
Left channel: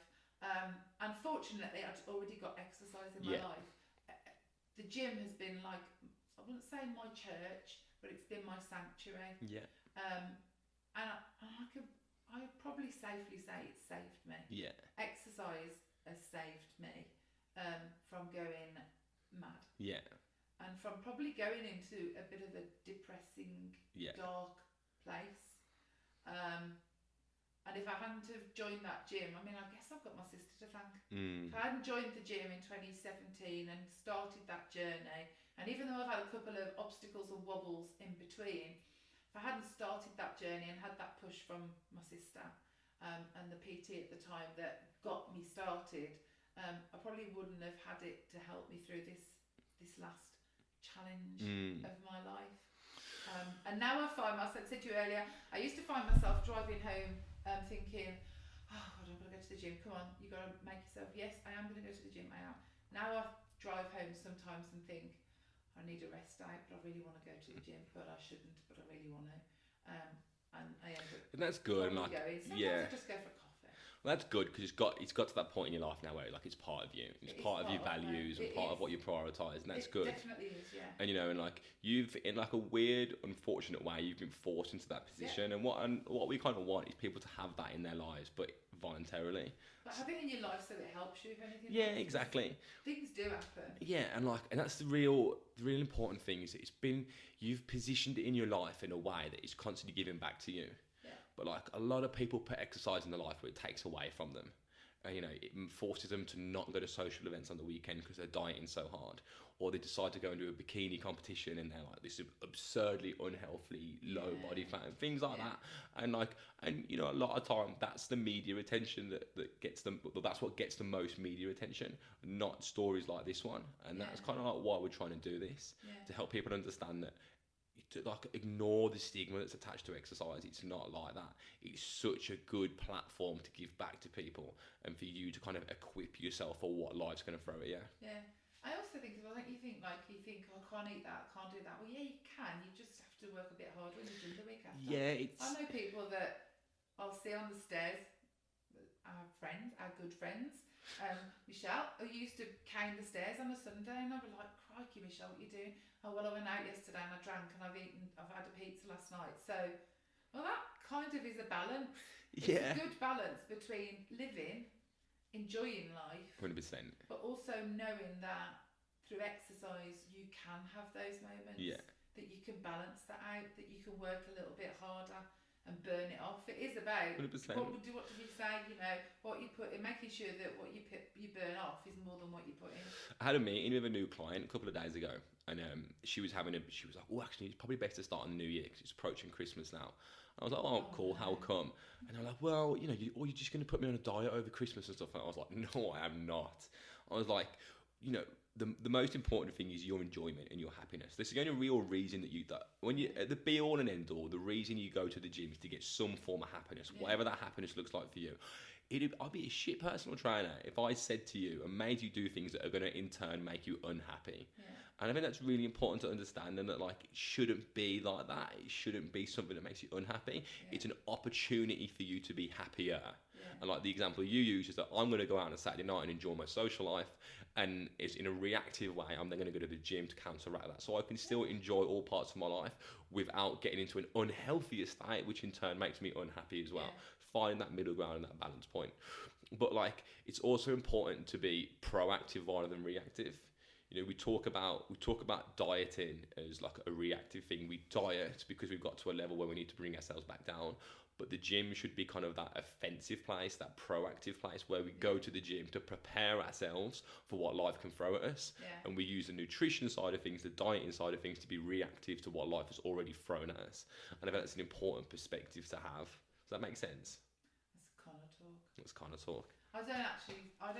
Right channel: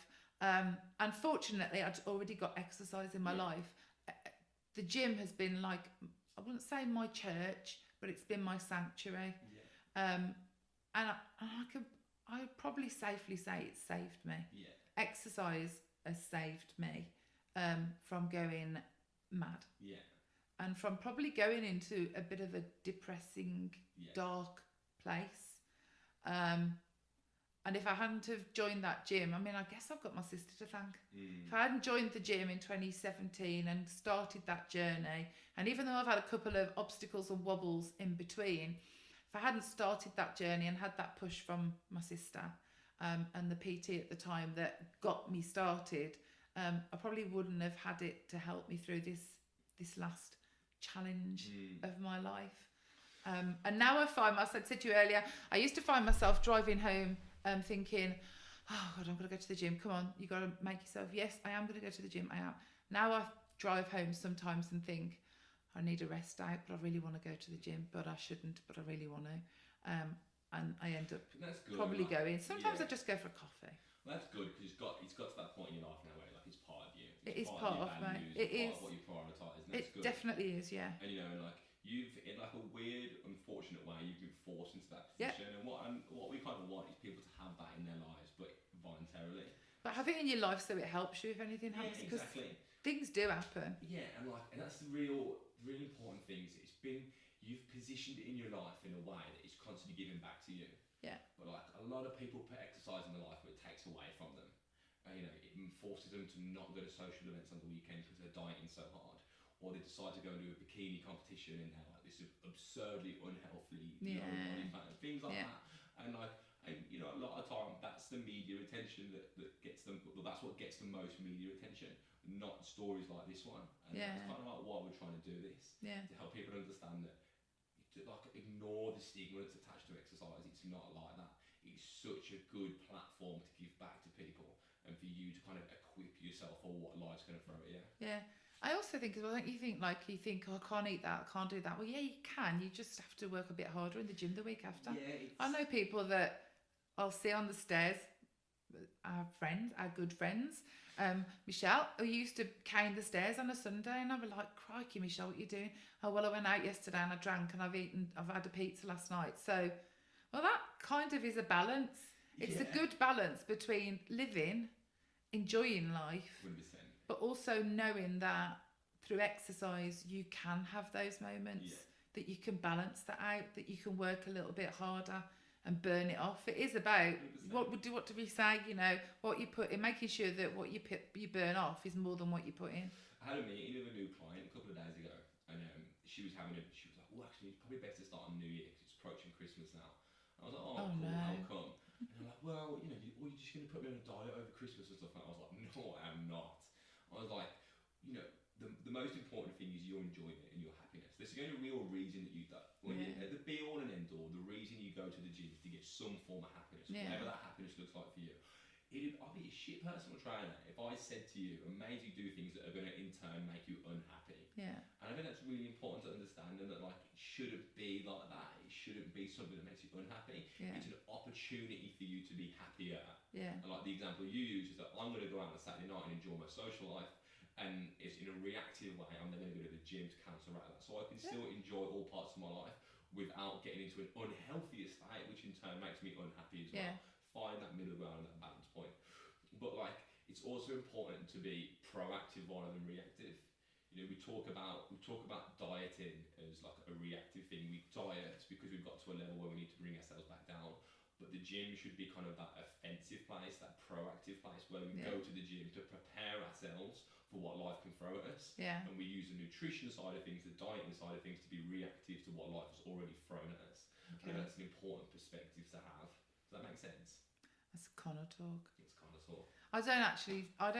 Unfortunately, I'd already got exercise in my life. The gym has been like, I wouldn't say my church, but it's been my sanctuary. Yeah. And I probably safely say it's saved me. Yeah. Exercise has saved me from going mad. Yeah. And from probably going into a bit of a depressing, dark place. And if I hadn't have joined that gym, I mean, I guess I've got my sister to thank. If I hadn't joined the gym in 2017 and started that journey, and even though I've had a couple of obstacles and wobbles in between, if I hadn't started that journey and had that push from my sister and the PT at the time that got me started, I probably wouldn't have had it to help me through this last challenge of my life. And now I said to you earlier, I used to find myself driving home thinking, oh God, I'm going to go to the gym. Come on, you got to make yourself, yes, I am going to go to the gym, I am. Now I drive home sometimes and think, I need a rest out, but I really want to go to the gym, but I shouldn't, but I really want to. And I end up And that's good. probably going. Sometimes I just go for a coffee. Well, that's good because it's got to that point in your life now where like it's part of you. It's part of your values and part of what you prioritise, and that's good. It definitely is, yeah. And and like you've in like a weird, unfortunate way, you've been forced into that position. And what we kind of want is people to have that in their lives, but voluntarily. But have it in your life so it helps you if anything happens. Yeah, exactly. Things do happen. Yeah, and that's the real important thing is you've positioned it in your life in a way that it's constantly giving back to you. Yeah. But like a lot of people put exercise in their life where it takes away from them. And it forces them to not go to social events on the weekend because they're dieting so hard. Or they decide to go and do a bikini competition and they're like this absurdly unhealthy low body fat and things like that. And a lot of time that's the media attention that gets them. That's what gets the most media attention, not stories like this one. And that's kind of like why we're trying to do this to help people understand that. To ignore the stigma that's attached to exercise. It's not like that. It's such a good platform to give back to people and for you to kind of equip yourself for what life's going to throw at you. Yeah. I also think as well, don't you think oh, I can't eat that, I can't do that. Well, yeah, you can. You just have to work a bit harder in the gym the week after. Yeah, I know people that I'll see on the stairs, our good friends, Michelle, who used to cane the stairs on a Sunday, and I'd be like, crikey, Michelle, what are you doing? Oh, well, I went out yesterday and I drank and I've had a pizza last night. So, well, that kind of is a balance. It's a good balance between living, enjoying life, 100%. but also knowing that through exercise you can have those moments, that you can balance that out, that you can work a little bit harder and burn it off. It is about 100%. what do we say? What you put in, making sure that what you burn off is more than what you put in. I had a meeting with a new client a couple of days ago, and she was like, "Oh, actually, it's probably best to start in the new year because it's approaching Christmas now." I was like, "Oh, cool. No. How come?" And they're like, "Well, you're just going to put me on a diet over Christmas and stuff." And I was like, "No, I am not." I was like, the most important thing is your enjoyment and your happiness. This is the only real reason that when you at the be all and end all, the reason you go to the gym is to get some form of happiness, whatever that happiness looks like for you. I'd be a shit personal trainer if I said to you and made you do things that are going to in turn make you unhappy. Yeah. And I think that's really important to understand, and that it shouldn't be like that. It shouldn't be something that makes you unhappy. Yeah. It's an opportunity for you to be happier. Yeah. And the example you use is that I'm going to go out on a Saturday night and enjoy my social life, and it's in a reactive way. I'm then going to go to the gym to counteract that, so I can still enjoy all parts of my life without getting into an unhealthy state, which in turn makes me unhappy as well. Find that middle ground and that balance point. But it's also important to be proactive rather than reactive. We talk about dieting as a reactive thing. We diet because we've got to a level where we need to bring ourselves back down. but the gym should be kind of that offensive place, that proactive place where we go to the gym to prepare ourselves for what life can throw at us. Yeah. And we use the nutrition side of things, the dieting side of things to be reactive to what life has already thrown at us. And I think that's an important perspective to have. Does that make sense? That's kind of talk. That's kind of talk. I don't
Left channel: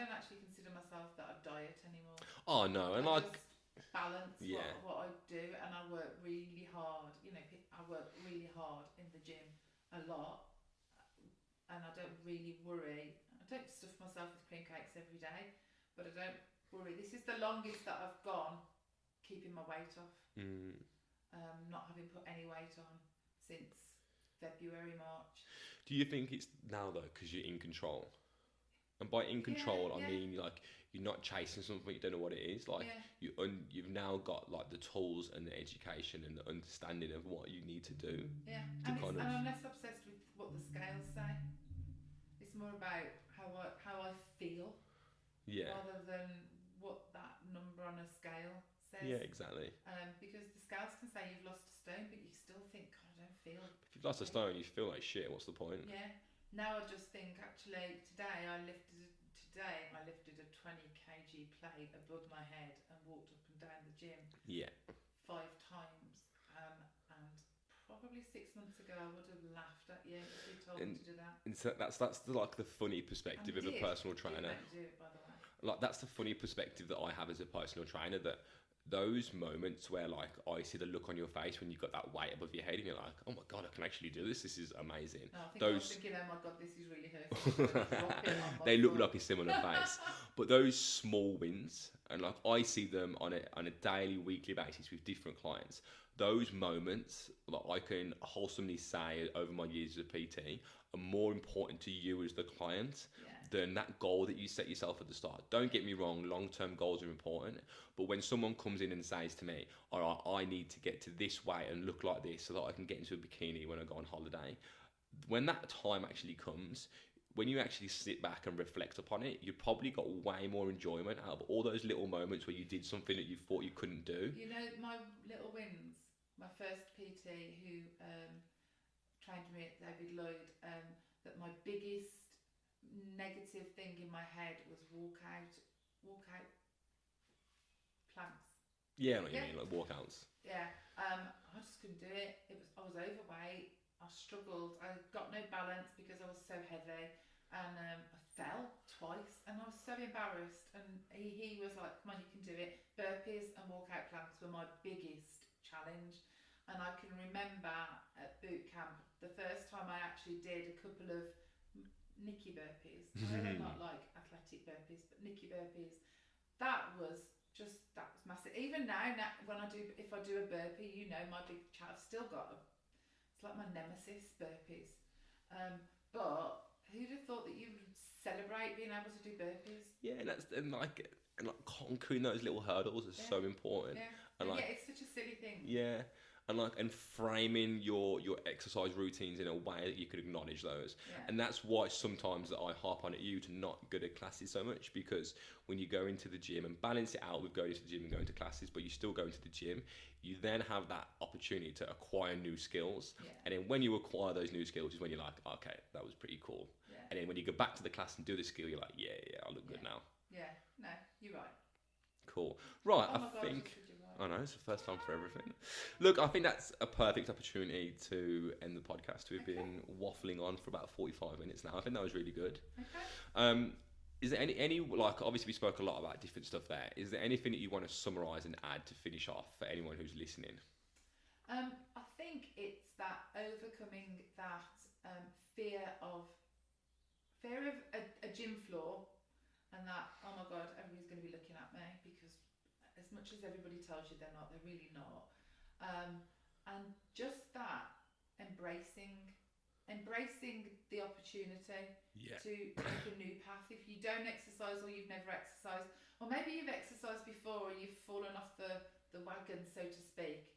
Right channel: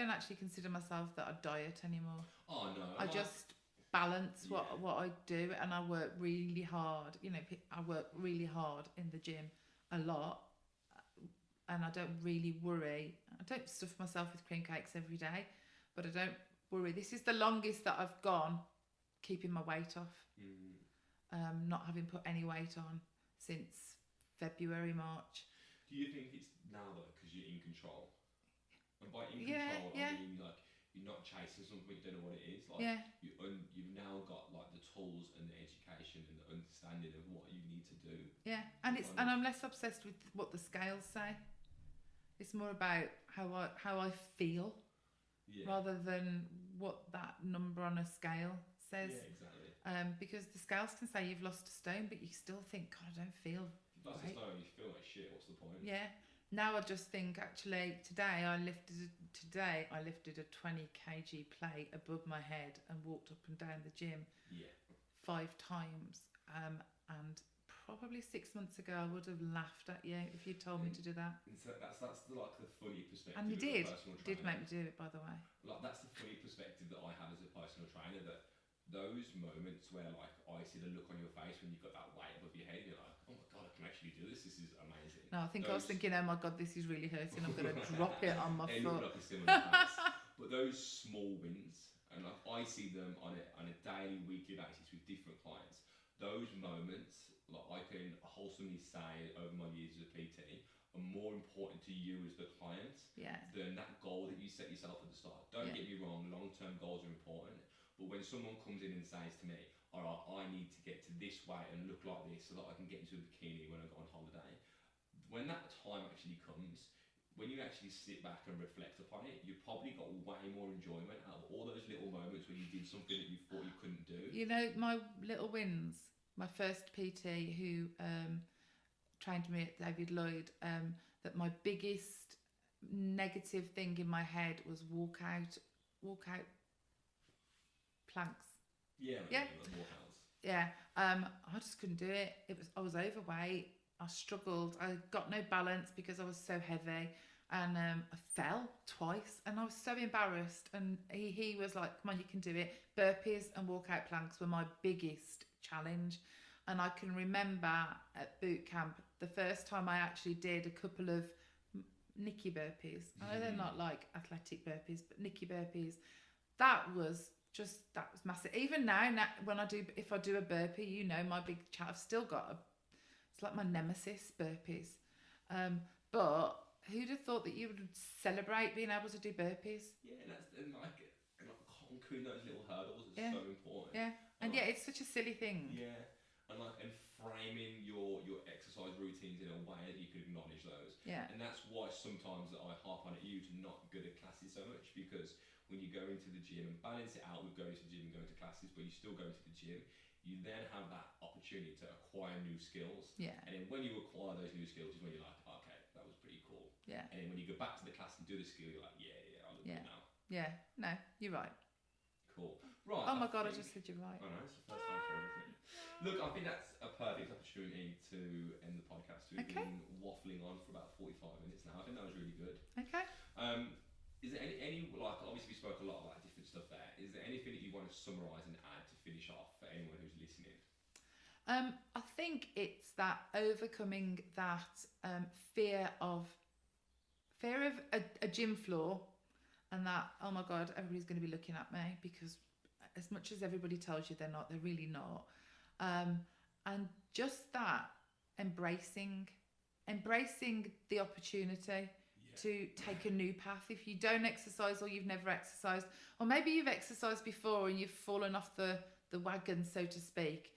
actually consider myself that I diet anymore. Oh no, and I like just balance Yeah. what I do, and I work really hard. You know, I work really hard in the gym a lot, and I don't really worry. I don't stuff myself with cream cakes every day, but I don't worry. This is the longest that I've gone keeping my weight off. Not having put any weight on since February, March. do you think it's now though because you're in control? And by in control, I mean like you're not chasing something you don't know what it is. Like you've now got like the tools and the education and the understanding of what you need to do. Yeah, and I'm less obsessed with what the scales say. It's more about how I feel, rather than what that number on a scale says. Yeah, exactly. Because the scales can say you've lost a stone, but you still think, God, I don't feel. If you've lost a stone, you feel like shit. What's the point? Yeah. Now I just think, actually, today I lifted a 20 kg plate above my head and walked up and down the gym. Yeah. 5 times. And probably 6 months ago I would have laughed at you if you told me to do that. And so that's like the funny perspective of a personal trainer. Did make me do it, by the way. Like that's the funny perspective that I have as a personal trainer, that those moments where like I see the look on your face when you've got that weight above your head and you're like, oh my God, I can actually do this. This is amazing. No, I think I was thinking, oh my God, this is really hurting. I'm going to drop it on my They foot. look like a similar face. But those small wins, and like I see them on a daily, weekly basis with different clients. Those moments that I can wholesomely say over my years as a PT are more important to you as the client than that goal that you set yourself at the start. Don't get me wrong, long-term goals are important, but when someone comes in and says to me, all right, I need to get to this weight and look like this so that I can get into a bikini when I go on holiday, when that time actually comes, when you actually sit back and reflect upon it, you've probably got way more enjoyment out of all those little moments where you did something that you thought you couldn't do. You know, my little wins, my first PT who trained me at David Lloyd, that my biggest negative thing in my head was walk out planks. Yeah, like, you mean, like walkouts. Yeah, I just couldn't do it. I was overweight. I struggled. I got no balance because I was so heavy, and I fell twice, and I was so embarrassed. And he was like, "Come on, you can do it." Burpees and walkout planks were my biggest challenge, and I can remember at boot camp the first time I actually did a couple of Nikki burpees. I don't like athletic burpees, but Nikki burpees. That was massive. Even now when if I do a burpee, you know, my big I've still got it's like my nemesis, burpees. But who'd have thought that you would celebrate being able to do burpees? Yeah, and conquering those little hurdles is so important. Yeah, and it's such a silly thing. Yeah. And framing your exercise routines in a way that you could acknowledge those. Yeah. And that's why sometimes that I harp on at you to not go to classes so much, because when you go into the gym and balance it out with going to the gym and going to classes, but you still go into the gym, you then have that opportunity to acquire new skills. Yeah. And then when you acquire those new skills is when you're like, okay, that was pretty cool. Yeah. And then when you go back to the class and do the skill, you're like, yeah, I look good now. Yeah, no, you're right. Cool. Right. Oh my God, I just said you're right. I know, it's the first time for everything. Look, I think that's a perfect opportunity to end the podcast. We've been waffling on for about 45 minutes now. I think that was really good. Okay. Is there any like, obviously we spoke a lot about different stuff there. Is there anything that you want to summarise and add to finish off for anyone who's listening? I think it's that overcoming that fear of a gym floor. And that, oh my God, everybody's going to be looking at me, because as much as everybody tells you they're not, they're really not. And just that, embracing the opportunity to take a new path. If you don't exercise, or you've never exercised, or maybe you've exercised before and you've fallen off the wagon, so to speak,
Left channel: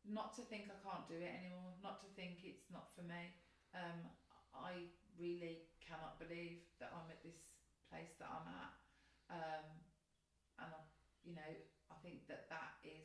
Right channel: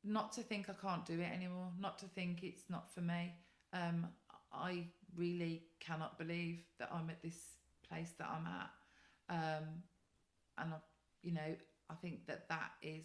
not to think I can't do it anymore, not to think it's not for me. I really cannot believe that I'm at this place that I'm at, and I think that is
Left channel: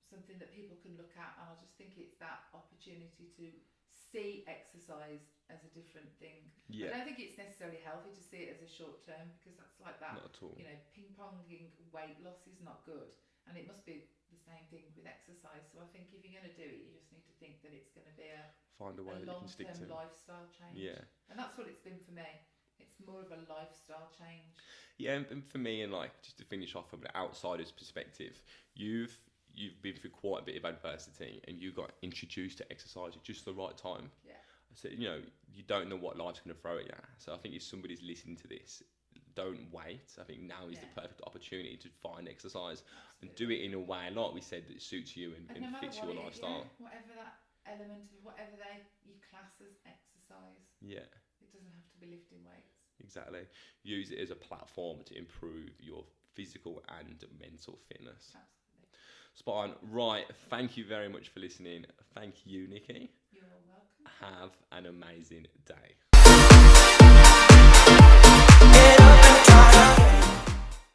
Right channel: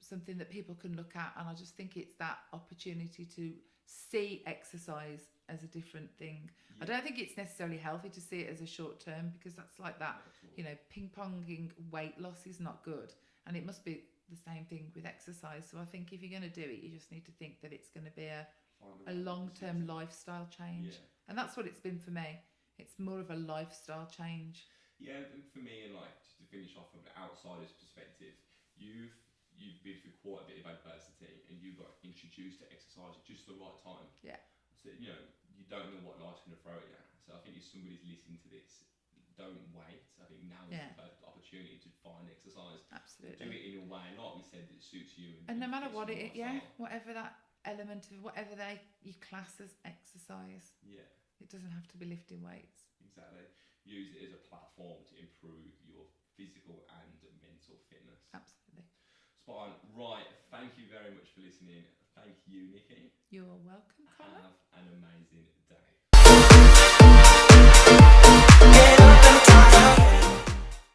something that people can look at, and I just think it's that opportunity to see exercise as a different thing. I don't think it's necessarily healthy to see it as a short term, because that's like that, Not at all. you know, ping ponging weight loss is not good, and it must be the same thing with exercise. So I think if you're going to do it, you just need to think that it's going to be Find a way a that you can long stick term to. lifestyle change. Yeah. And that's what it's been for me. It's more of a lifestyle change. Yeah, and for me, and like just to finish off from an outsider's perspective, you've been through quite a bit of adversity, and you got introduced to exercise at just the right time. Yeah. So you know, you don't know what life's going to throw at you. So I think if somebody's listening to this, don't wait. I think now is the perfect opportunity to find exercise and do it in a way, like we said, that suits you and no matter fits what your it is, lifestyle. whatever that element of whatever you class as exercise, Yeah. it doesn't have to be lifting weights. Exactly. Use it as a platform to improve your physical and mental fitness. Absolutely. Spot on. Right. Thank you very much for listening. Thank you, Nikki. You're welcome. Have an amazing day.